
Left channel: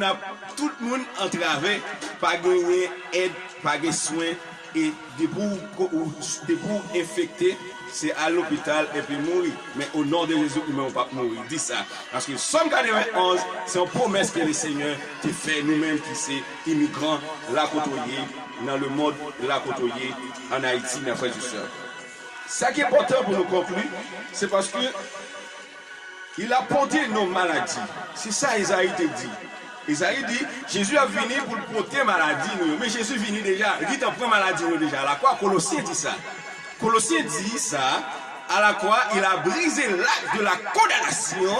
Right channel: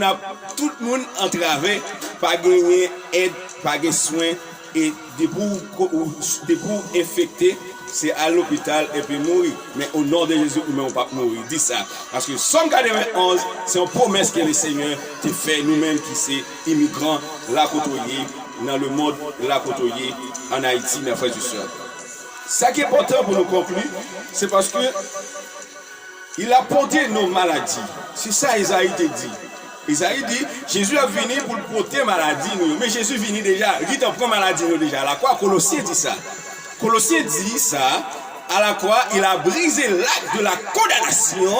monde entravé, pas gagné aide, pas gagné soin, et des pour infecter. C'est à l'hôpital et puis mourir. Mais au nom de Jésus, nous ne pouvons pas mourir. Dis ça. Parce que Somme 91, c'est une promesse que le Seigneur te fait nous-mêmes qui sommes immigrants, la côtoyer, dans le monde, la côtoyer, en Haïti, mes frères et sœurs. Ce qui est important pour nous conclure, c'est parce que il a porté nos maladies. C'est ça Isaïe te dit. Isaïe dit, Jésus a venu pour porter maladie, mais Jésus venu déjà, il dit, on prend maladie nous déjà. La quoi, Colossiens dit ça. Colossiens dit ça, à la croix, il a brisé l'acte de la condamnation,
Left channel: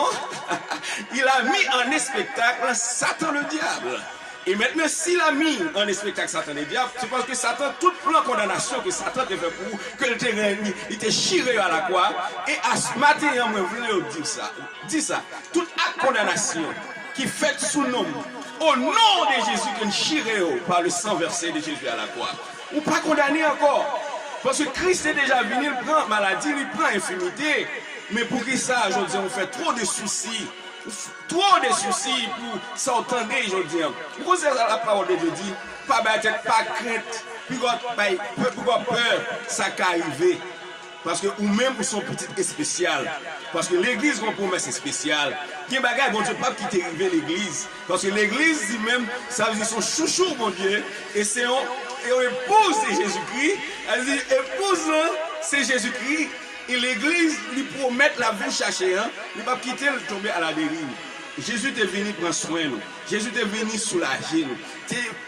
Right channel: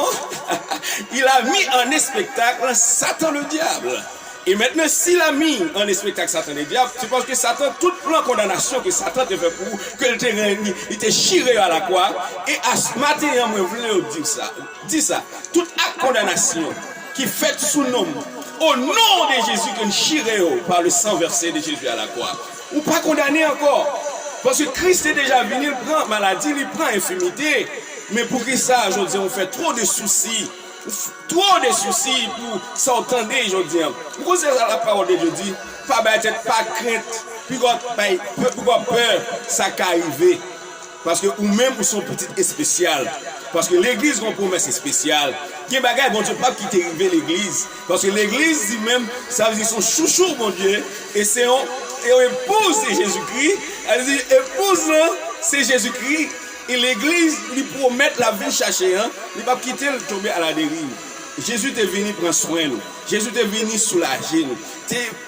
il a mis en spectacle Satan le diable. Et maintenant, s'il a mis en spectacle Satan le diable, c'est parce que Satan, tout plan de condamnation que Satan te fait pour, qu'il te chiré à la croix, et à ce matin, je voulais dire ça, toute acte de condamnation qui fait sous nom, au nom de Jésus, qu'on chiré par le sang versé de Jésus à la croix, ou pas condamné encore. Parce que Christ est déjà venu, il prend maladie, il prend infirmité. Mais pour que ça, aujourd'hui, on fait trop de soucis. Trop de soucis pour s'entendre aujourd'hui. Pourquoi c'est la parole de Dieu dit, pas bête, pas crainte, pourquoi peur, ça qu'à arriver. Parce que ou même pour son petit et spécial. Parce que l'église, on promesse spéciale. Il y a des bagages, bon Dieu, pas qui t'est arrivé l'église. Parce que l'église dit même, ça veut dire son chouchou, mon Dieu, et c'est et on épouse c'est Jésus-Christ. Elle dit, épouse c'est Jésus-Christ. Et l'église lui promet la vie chercher. Il ne va pas quitter le tomber à la dérive. Jésus est venu prendre soin de nous. Jésus est venu soulager nous.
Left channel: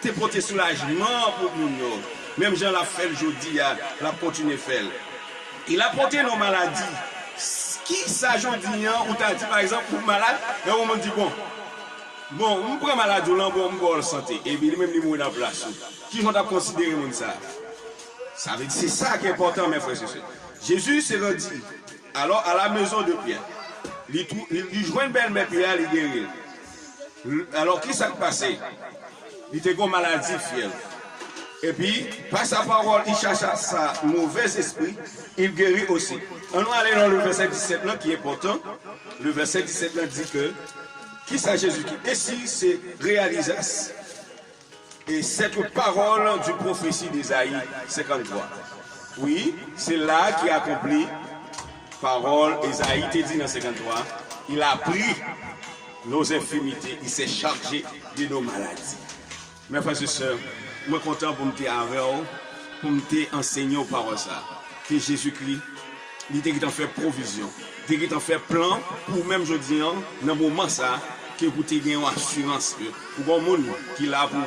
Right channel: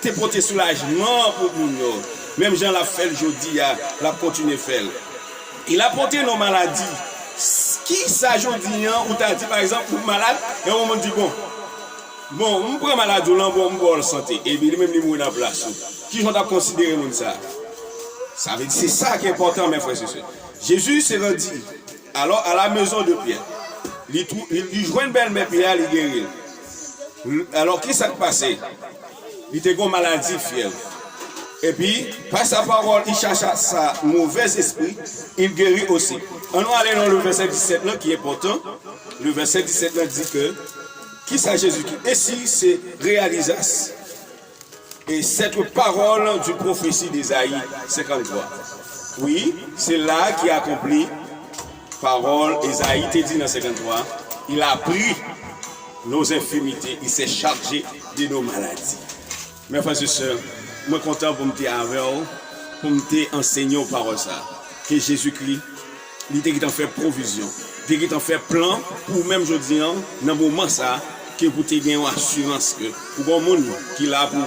T'es porté soulagement pour nous. Même Jean l'a fait aujourd'hui, l'a continué à faire. Il a porté nos maladies. Qui ça aujourd'hui, ou t'as dit par exemple, pour malade, et on m'a dit bon, on prend malade, on va en santé. Et bien, même les mots dans la place. Qui vont considérer ça? Ça veut dire, c'est ça qui est important, mes frères et sœurs. Jésus s'est rendu alors à la maison de Pierre. Il joint une belle-mère Pierre, il guérit. Alors, qui s'est passé? Il était une maladie, fièvre. Et puis, par sa parole, il cherche sa mauvais esprit, il guérit aussi. On va aller dans le verset 17 là, qui est important. Le verset 17 là dit que Qui ça Jésus-Christ? Ici, c'est réalisation. Et cette parole du prophétie d'Ésaïe 53. Oui, c'est là qui accomplit parole. Ésaïe te dit dans 53. Il a pris nos infirmités, il s'est chargé de nos maladies. Mes frères et sœurs, je suis content pour me dire avec vous, pour me enseigner aux paroles ça. Que Jésus-Christ, il t'a fait provision, il t'a fait plan pour même je dis dans le moment ça, que vous avez une assurance que pour un monde qui est là pour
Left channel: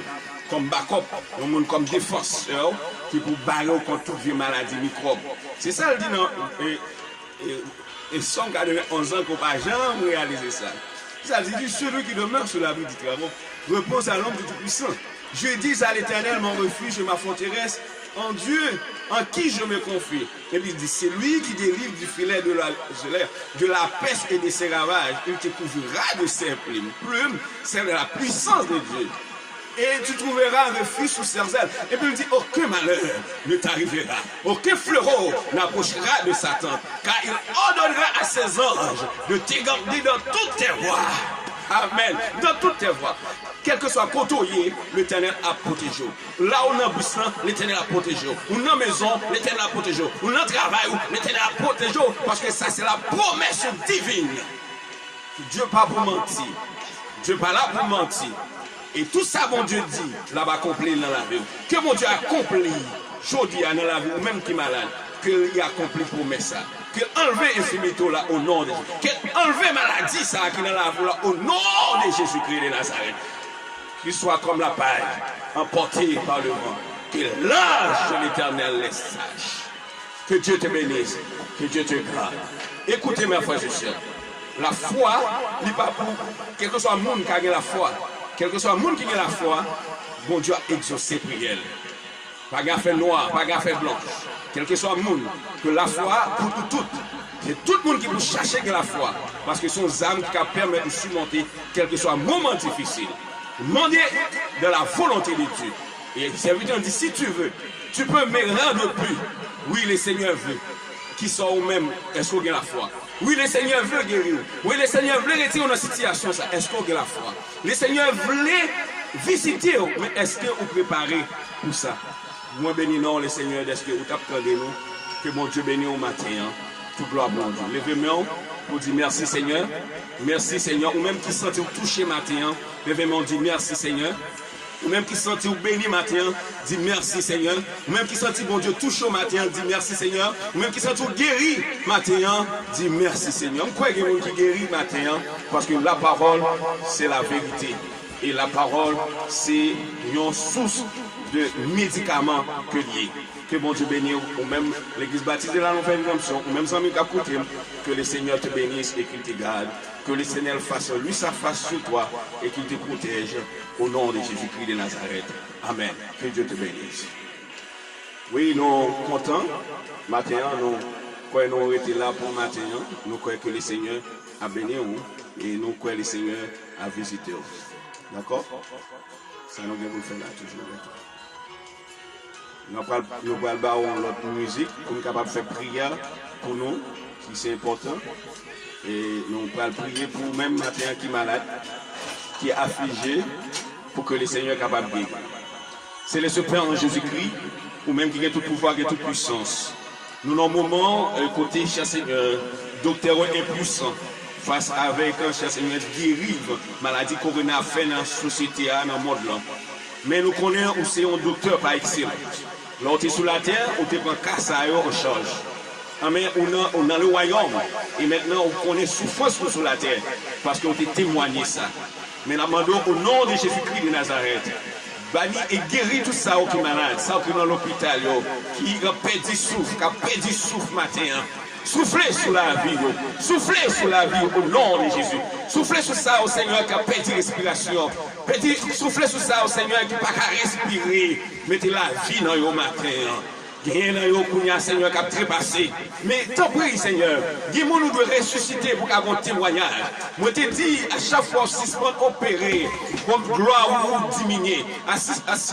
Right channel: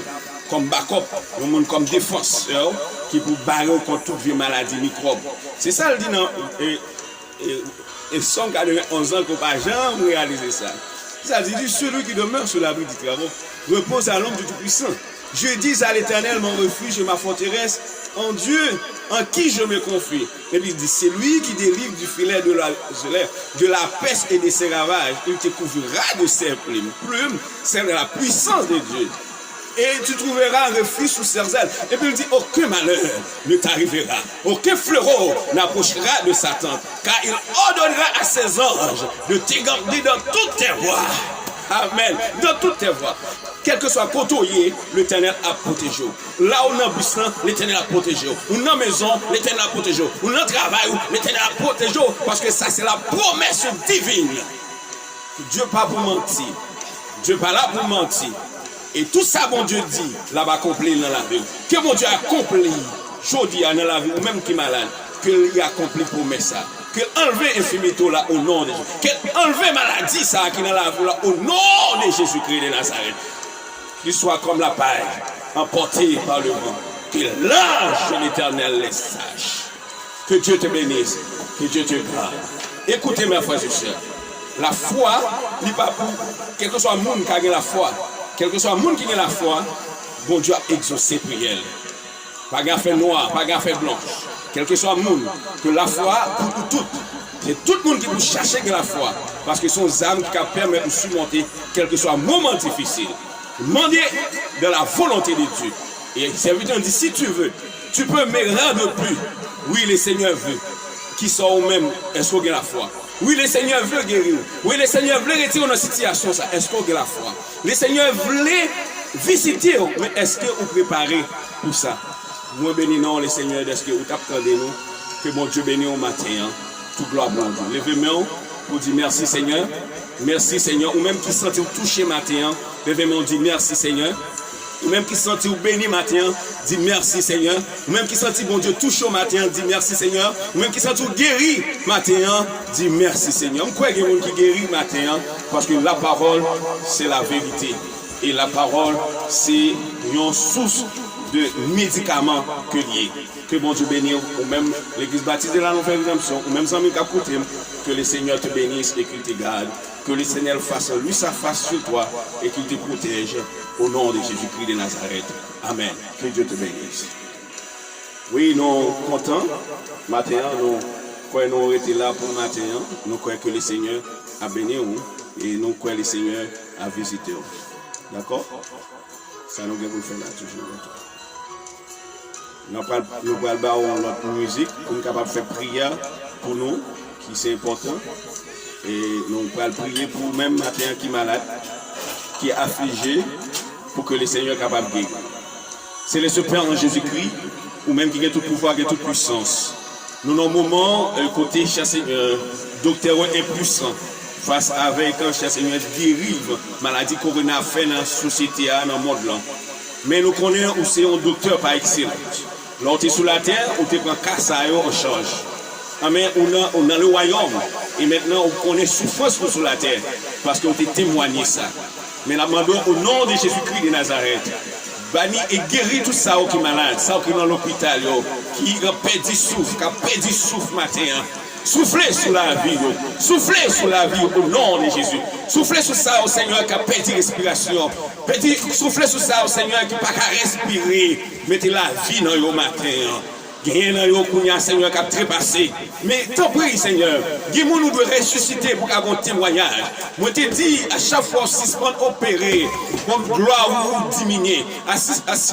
comme backup, un monde comme défenseur, qui pour barrer contre toute vie maladie microbe. C'est ça le dit dans et 191 ans qu'on ne va jamais réaliser ça. Ça dit celui qui demeure sur l'abri du travaux repose à l'ombre du Tout-Puissant. Je dis à l'Éternel mon refuge et ma forteresse, en Dieu en qui je me confie. Et puis il dit, c'est lui qui délivre du filet de la peste et de ses ravages. Il te couvrira de ses plumes. C'est la puissance de Dieu. Et tu trouveras un refuge sous ses ailes. Et puis il dit, aucun malheur ne t'arrivera. Aucun fleureau n'approchera de sa tente. Car il ordonnera à ses anges de te garder dans toutes tes voies. Amen. Dans toutes tes voies. Quel que soit côtoyé, l'Éternel a protégé. Là où on a buisson, l'Éternel a protégé. Ou dans la maison, l'Éternel a protégé. Ou dans le travail, l'Éternel a protégé. Parce que ça, c'est la promesse divine. Dieu pas pour mentir. Dieu pas là pour mentir. Et tout ça, mon Dieu dit, là va accomplir dans la vie. Que mon Dieu accomplit, aujourd'hui dans la vie, ou même qui est malade, qu'il a accompli promesse ça. Qu'il enlève l'infirmité là au nom de Jésus. Qu'il enlève maladie ça qui est dans la vie là au nom de Jésus-Christ de Nazareth. Qu'il soit comme la paille, emporté par le vent. Que l'ange de l'Éternel les sache. Que Dieu te bénisse, que Dieu te garde. Écoutez mes frères et sœurs, la foi n'est pas pour quel que soit le monde qui a la foi. Quel que soit le monde qui a la foi, bon Dieu a exaucé prière. Pas gaffe noir, pas gaffe blanche. Quel que soit le monde, que la foi pour tout. C'est tout le monde qui peut chercher que la foi. Parce que ce sont des âmes qui permettent de surmonter quel que soit un moment difficile. Demandez de la volonté de Dieu. Et le serviteur dit, si tu veux, tu peux me rendre plus. Oui, le Seigneur veut. Qui sont au même, est-ce qu'on a la foi? Oui, le Seigneur veut guérir. Oui, le Seigneur veut retirer dans cette situation. Est-ce qu'on a la foi? Le Seigneur voulait visiter, mais est-ce que vous préparez pour ça? Moi, bénis non, le Seigneur, est-ce que vous attendez nous? Que mon Dieu bénisse au matin. Hein? Tout gloire pour Dieu. Levez-moi pour dire merci Seigneur. Merci Seigneur. Ou même qui sentit touché matin. Levez-moi dire merci Seigneur. Ou même qui sentit béni matin. Dis merci Seigneur. Ou même qui sentit bon Dieu touché au matin. Dis merci Seigneur. Ou même qui sentit guéri matin. Dis merci Seigneur. Je crois qu'il y a des gens qui guérit matin. Parce que la parole, c'est la vérité. Et la parole, c'est une source de médicaments que lié. Que bon Dieu bénisse, ou même l'église baptisée de la nouvelle rédemption, ou même amis qui écoutent, que le Seigneur te bénisse et qu'il te garde. Que le Seigneur fasse lui sa face sur toi et qu'il te protège au nom de Jésus-Christ de Nazareth. Amen. Que Dieu te bénisse. Oui, nous sommes contents. Matin, nous étions là pour matin. Nous croyons que le Seigneur a béni et nous croyons que le Seigneur a visité. D'accord? Ça nous devons faire là toujours. Nous allons notre musique pour nous capables de faire prière pour nous, qui c'est important. Et nous allons prier pour même matin qui est malade, qui est affligé, pour que le Seigneur soit capable de guérir. C'est le Père en Jésus-Christ, ou même qui a tout pouvoir, qui a toute puissance. Nous avons un moment, côté docteur impuissant, face avec un Seigneur dérive, maladie corona fait dans la société, dans le monde là. Mais nous connaissons où c'est un docteur par excellence. Là, on est sur la terre, on te prend casse en charge. Mais on a le royaume. Et maintenant, on connaît souffrance sur la terre. Parce qu'on t'a témoigné ça. Mais nous demandons au nom de Jésus-Christ de Nazareth. Banni et guéri tout ça qui est malade, ça qui est dans l'hôpital, qui a perdu souffle matin. Soufflez sur la vie, soufflez sur la vie au nom de Jésus. Soufflez sur ça au Seigneur qui a perdu respiration. Soufflez sur ça au Seigneur qui n'a pas qu'à respirer. Mettez la vie dans le matin. Rien dans yo kounya Seigneur qui a trépassé. Mais tant pis Seigneur, dis-moi nous devons ressusciter pour avoir un témoignage. Moi te dis à chaque fois suspend opéré, comme gloire ou diminuer. À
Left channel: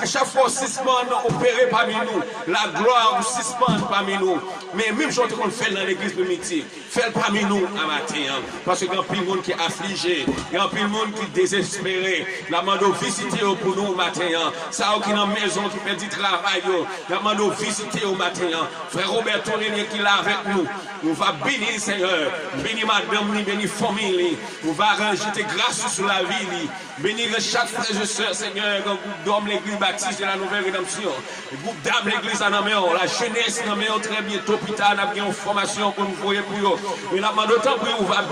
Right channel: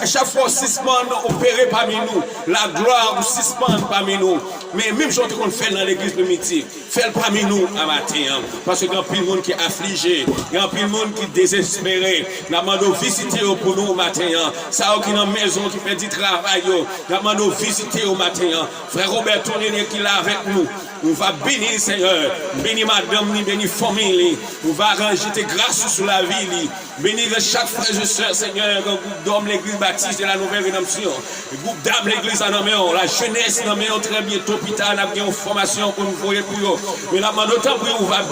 chaque fois suspend opéré parmi nous, la gloire ou suspend parmi nous. Mais même chose qu'on fait dans l'église de Miti, fait parmi nous à matin. Parce qu'il y a plein de monde qui est affligé, il y a plein de monde qui est désespéré. Nous demandons visiter pour nous matin. Ça qui est dans la maison qui fait du travail, nous demandons visiter au matin. Frère Robert Tonnier qui est là avec nous. On va bénir Seigneur, bénir madame, bénir famille, on va jeter grâce sur la vie, bénir chaque frère et soeur Seigneur, le groupe d'hommes, l'église baptiste de la nouvelle rédemption, le groupe d'âmes, l'église en amène, la jeunesse en amène très bientôt, hôpital, nous avons une formation pour nous voyer pour eux. Mais là, d'autant plus on va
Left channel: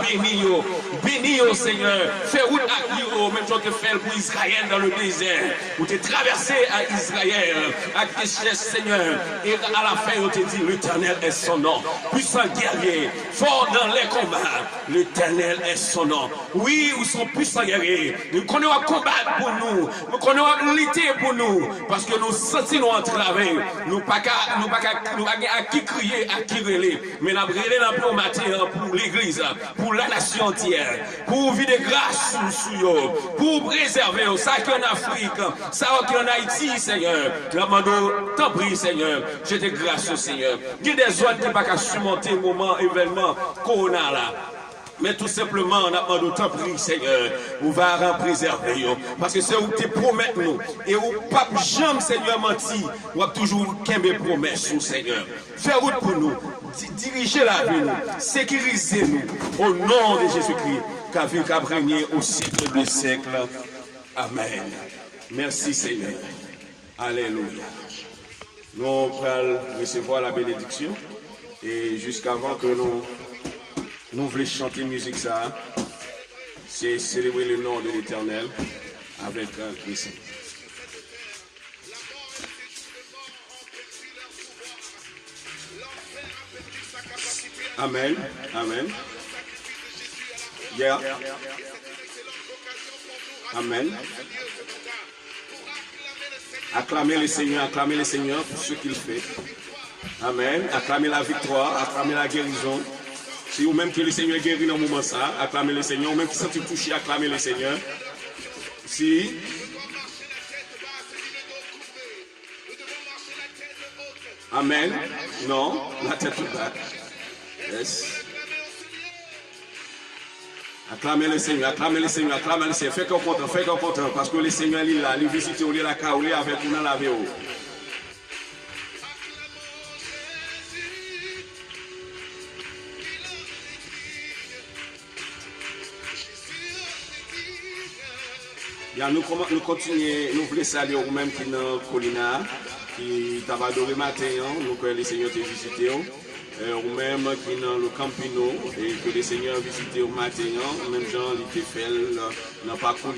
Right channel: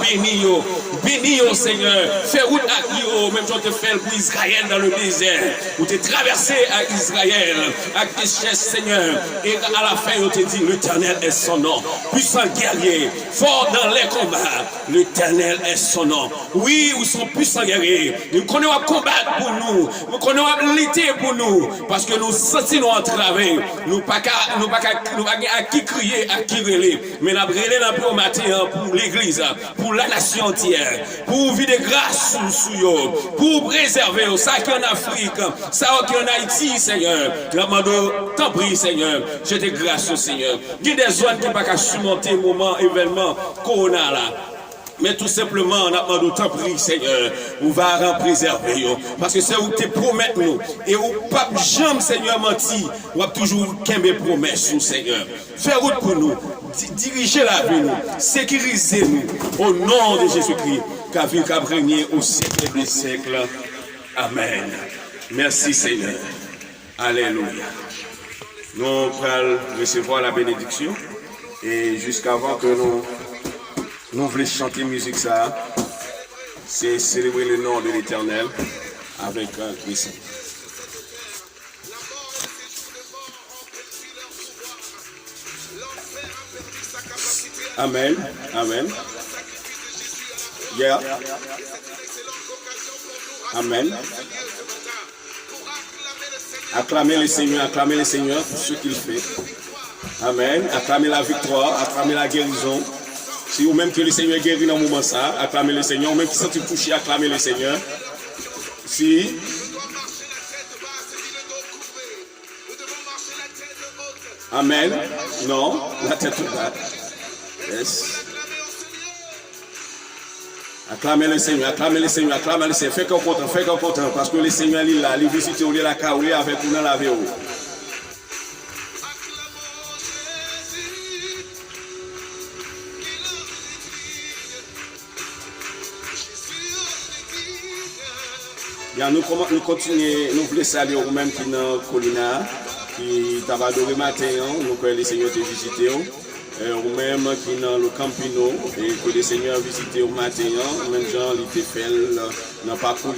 bénir Seigneur, faire route à eux, même si on te fait pour Israël dans le désert, ou te traverser à Israël, à Kéchès Seigneur, et à la fin on te dit l'Éternel est son nom, puissant guerrier, fort dans les combats, l'Éternel est son nom. Oui, nous sommes puissants guerriers, nous connaissons combattre pour nous lutter pour nous, parce que nous sentons entraver, nous pas à qui crier, à qui relayer, mais nous avons un matin pour l'église, pour la nation entière, pour vivre de grâce sur eux, pour préserver ça qui est en Afrique, ça qui est en Haïti, Seigneur. Nous demandons, t'en prie, Seigneur, je te grâce, Seigneur. Il y a des zones qui ne peuvent pas surmonter le moment, événement, corona là. Mais tout simplement, on a demandé autant pris, Seigneur, on va en préserver. Parce que c'est où tu promets nous. Et où pas jamais, Seigneur, menti, on va toujours qu'aimer promesses, Seigneur. Fais route pour nous, dirigez la vie, nous, sécurisez-nous, au nom de Jésus-Christ, qu'a vu qu'à régner au siècle des siècles. Amen. Merci, Seigneur. Alléluia. Nous allons recevoir la bénédiction. Et jusqu'avant que nous voulons chanter musique ça, c'est célébrer le nom de l'Éternel avec Christ. Amen. Amen. Yeah. Amen. Acclamez le Seigneur pour ce qu'il fait. Amen. Acclamez la victoire, acclamez la guérison. Si vous-même que le Seigneur guérit dans le moment ça, acclamez le Seigneur. Ou même qui sentit touché, acclamez le Seigneur. Si. Amen. Non, la tête toute bas. Yes. Acclamez le Seigneur, acclamez le Seigneur, acclamez le Seigneur. Faites qu'on content, parce que le Seigneur il est là, il visite, il est là, il est avec vous dans la vie. Bien, nous continuons, nous voulons saluer vous-même qui dans Colina, qui t'a adoré matin, nous que le Seigneur t'a visité, vous-même qui dans le Campino, et que le Seigneur a visité au matin, même gens il t'a fait dans parcours,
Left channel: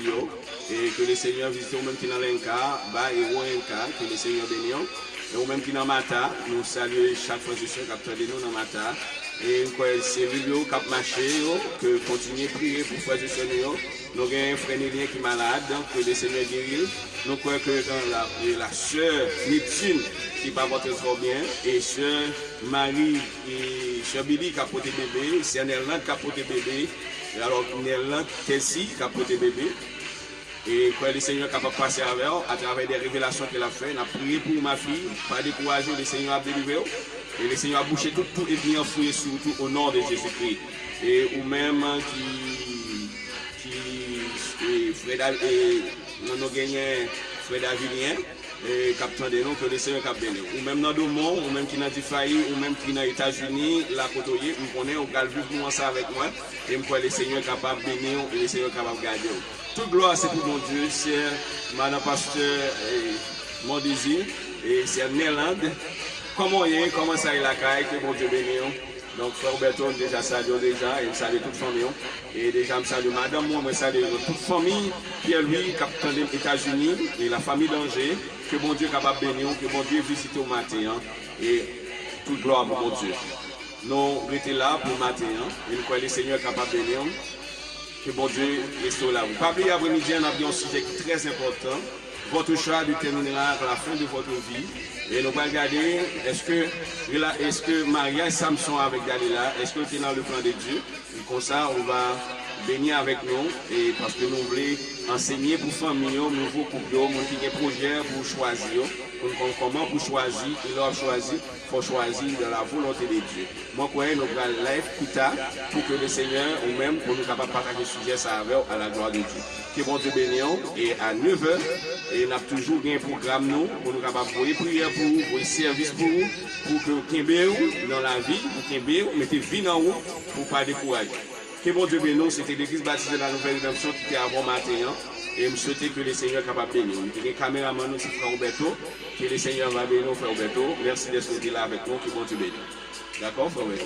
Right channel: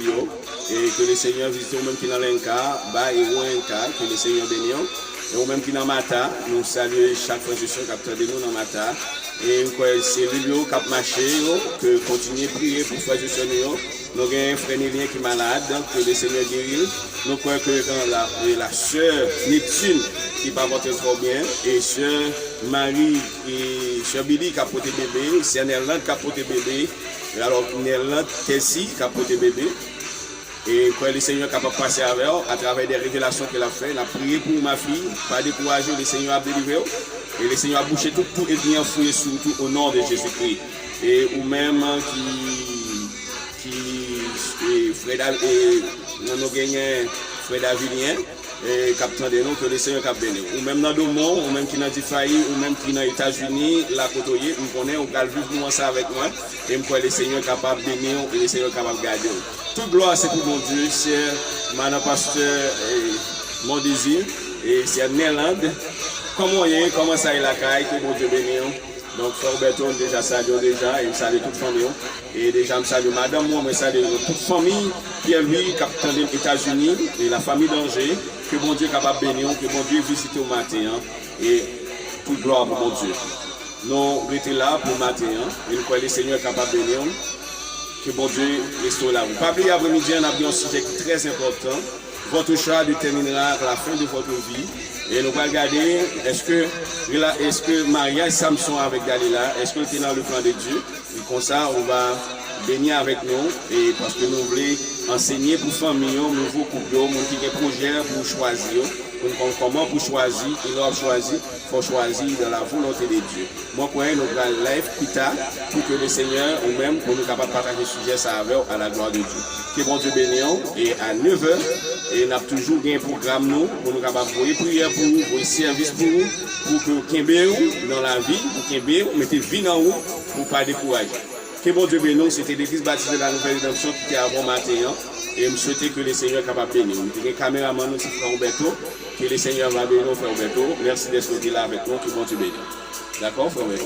et que le Seigneur a visité vous-même qui dans l'Inca, et Ouenka, que le Seigneur bénisse, et vous-même qui dans Mata, nous saluons chaque fois que je suis capteur de nous dans Mata. Et c'est lui qui a marché, que continuer à prier pour faire du Seigneur. Nous avons un frère Nélien qui est malade, que le Seigneur guérit. Nous croyons que la sœur Neptune qui va porter trop bien, et sœur Marie et sœur Billy qui a porté bébé, c'est Nerland qui a porté bébé, et alors Nerland Tessie qui a porté bébé. Et quand le Seigneur est capable de passer avec eux, à travers des révélations qu'il a fait, il a prié pour ma fille, pas décourager, le Seigneur a délivré. Et le Seigneur a bouché tout et bien fouillé surtout au nom de Jésus-Christ. Et ou même qui Fred et nous avons gagné Fred Avilien, et captain de nous que le Seigneur a béni. Ou même dans Domon, ou même qui dans Difaï, ou même qui dans les États-Unis, la côtoyer, nous connaissons, on va vivre ça avec moi. Et je crois que le Seigneur est capable de bénir et le Seigneur est capable de garder. Toute gloire c'est pour mon Dieu, c'est Madame Pasteur mon désir, et c'est Néerland. Comment ça est la caille, que bon Dieu bénisse. Donc, Frère Roberto, déjà salue déjà, et je salue toute famille. Et déjà, je salue Madame, moi, je salue toute famille, Pierre-Louis, capitaine des États-Unis, et la famille d'Angers, que bon Dieu est capable de bénir, que bon Dieu visite au matin, et toute gloire pour mon Dieu. Nous sommes là pour le matin, et nous croyons que le Seigneur est capable de bénir, que bon Dieu reste là. Pas oublier après-midi, on a un sujet très important. votre choix déterminera la fin de votre vie. Et nous allons regarder, est-ce que Maria et Samson avec Dalila, est-ce que c'est dans le plan de Dieu? Et comme ça, on va bénir avec nous, et parce que nous voulons enseigner pour famille, nouveau couple, qui ont des projets pour choisir, comment pour choisir, il doit choisir, il faut choisir dans la volonté de Dieu. Moi, je nous allons live plus tard pour que le Seigneur, ou même, pour nous capables de partager ce sujet, ça avec à la gloire de Dieu. Que bon Dieu bénisse, et à 9h, et on a toujours un programme nous, pour nous capables de prier pour vous, pour service pour que Kimbéou, dans la vie, pour Kimbéou, mettez vie en haut pour ne pas décourager. Que bon Dieu bénisse, c'était l'église baptisée de la nouvelle rédemption qui était avant matin, et je souhaitais que le Seigneur soit capable de bénir. Nous avons un caméraman, nous, frère Roberto, que le Seigneur va bénir, frère Roberto. Merci d'être là avec nous, que bon Dieu bénisse. D'accord, frère Roberto?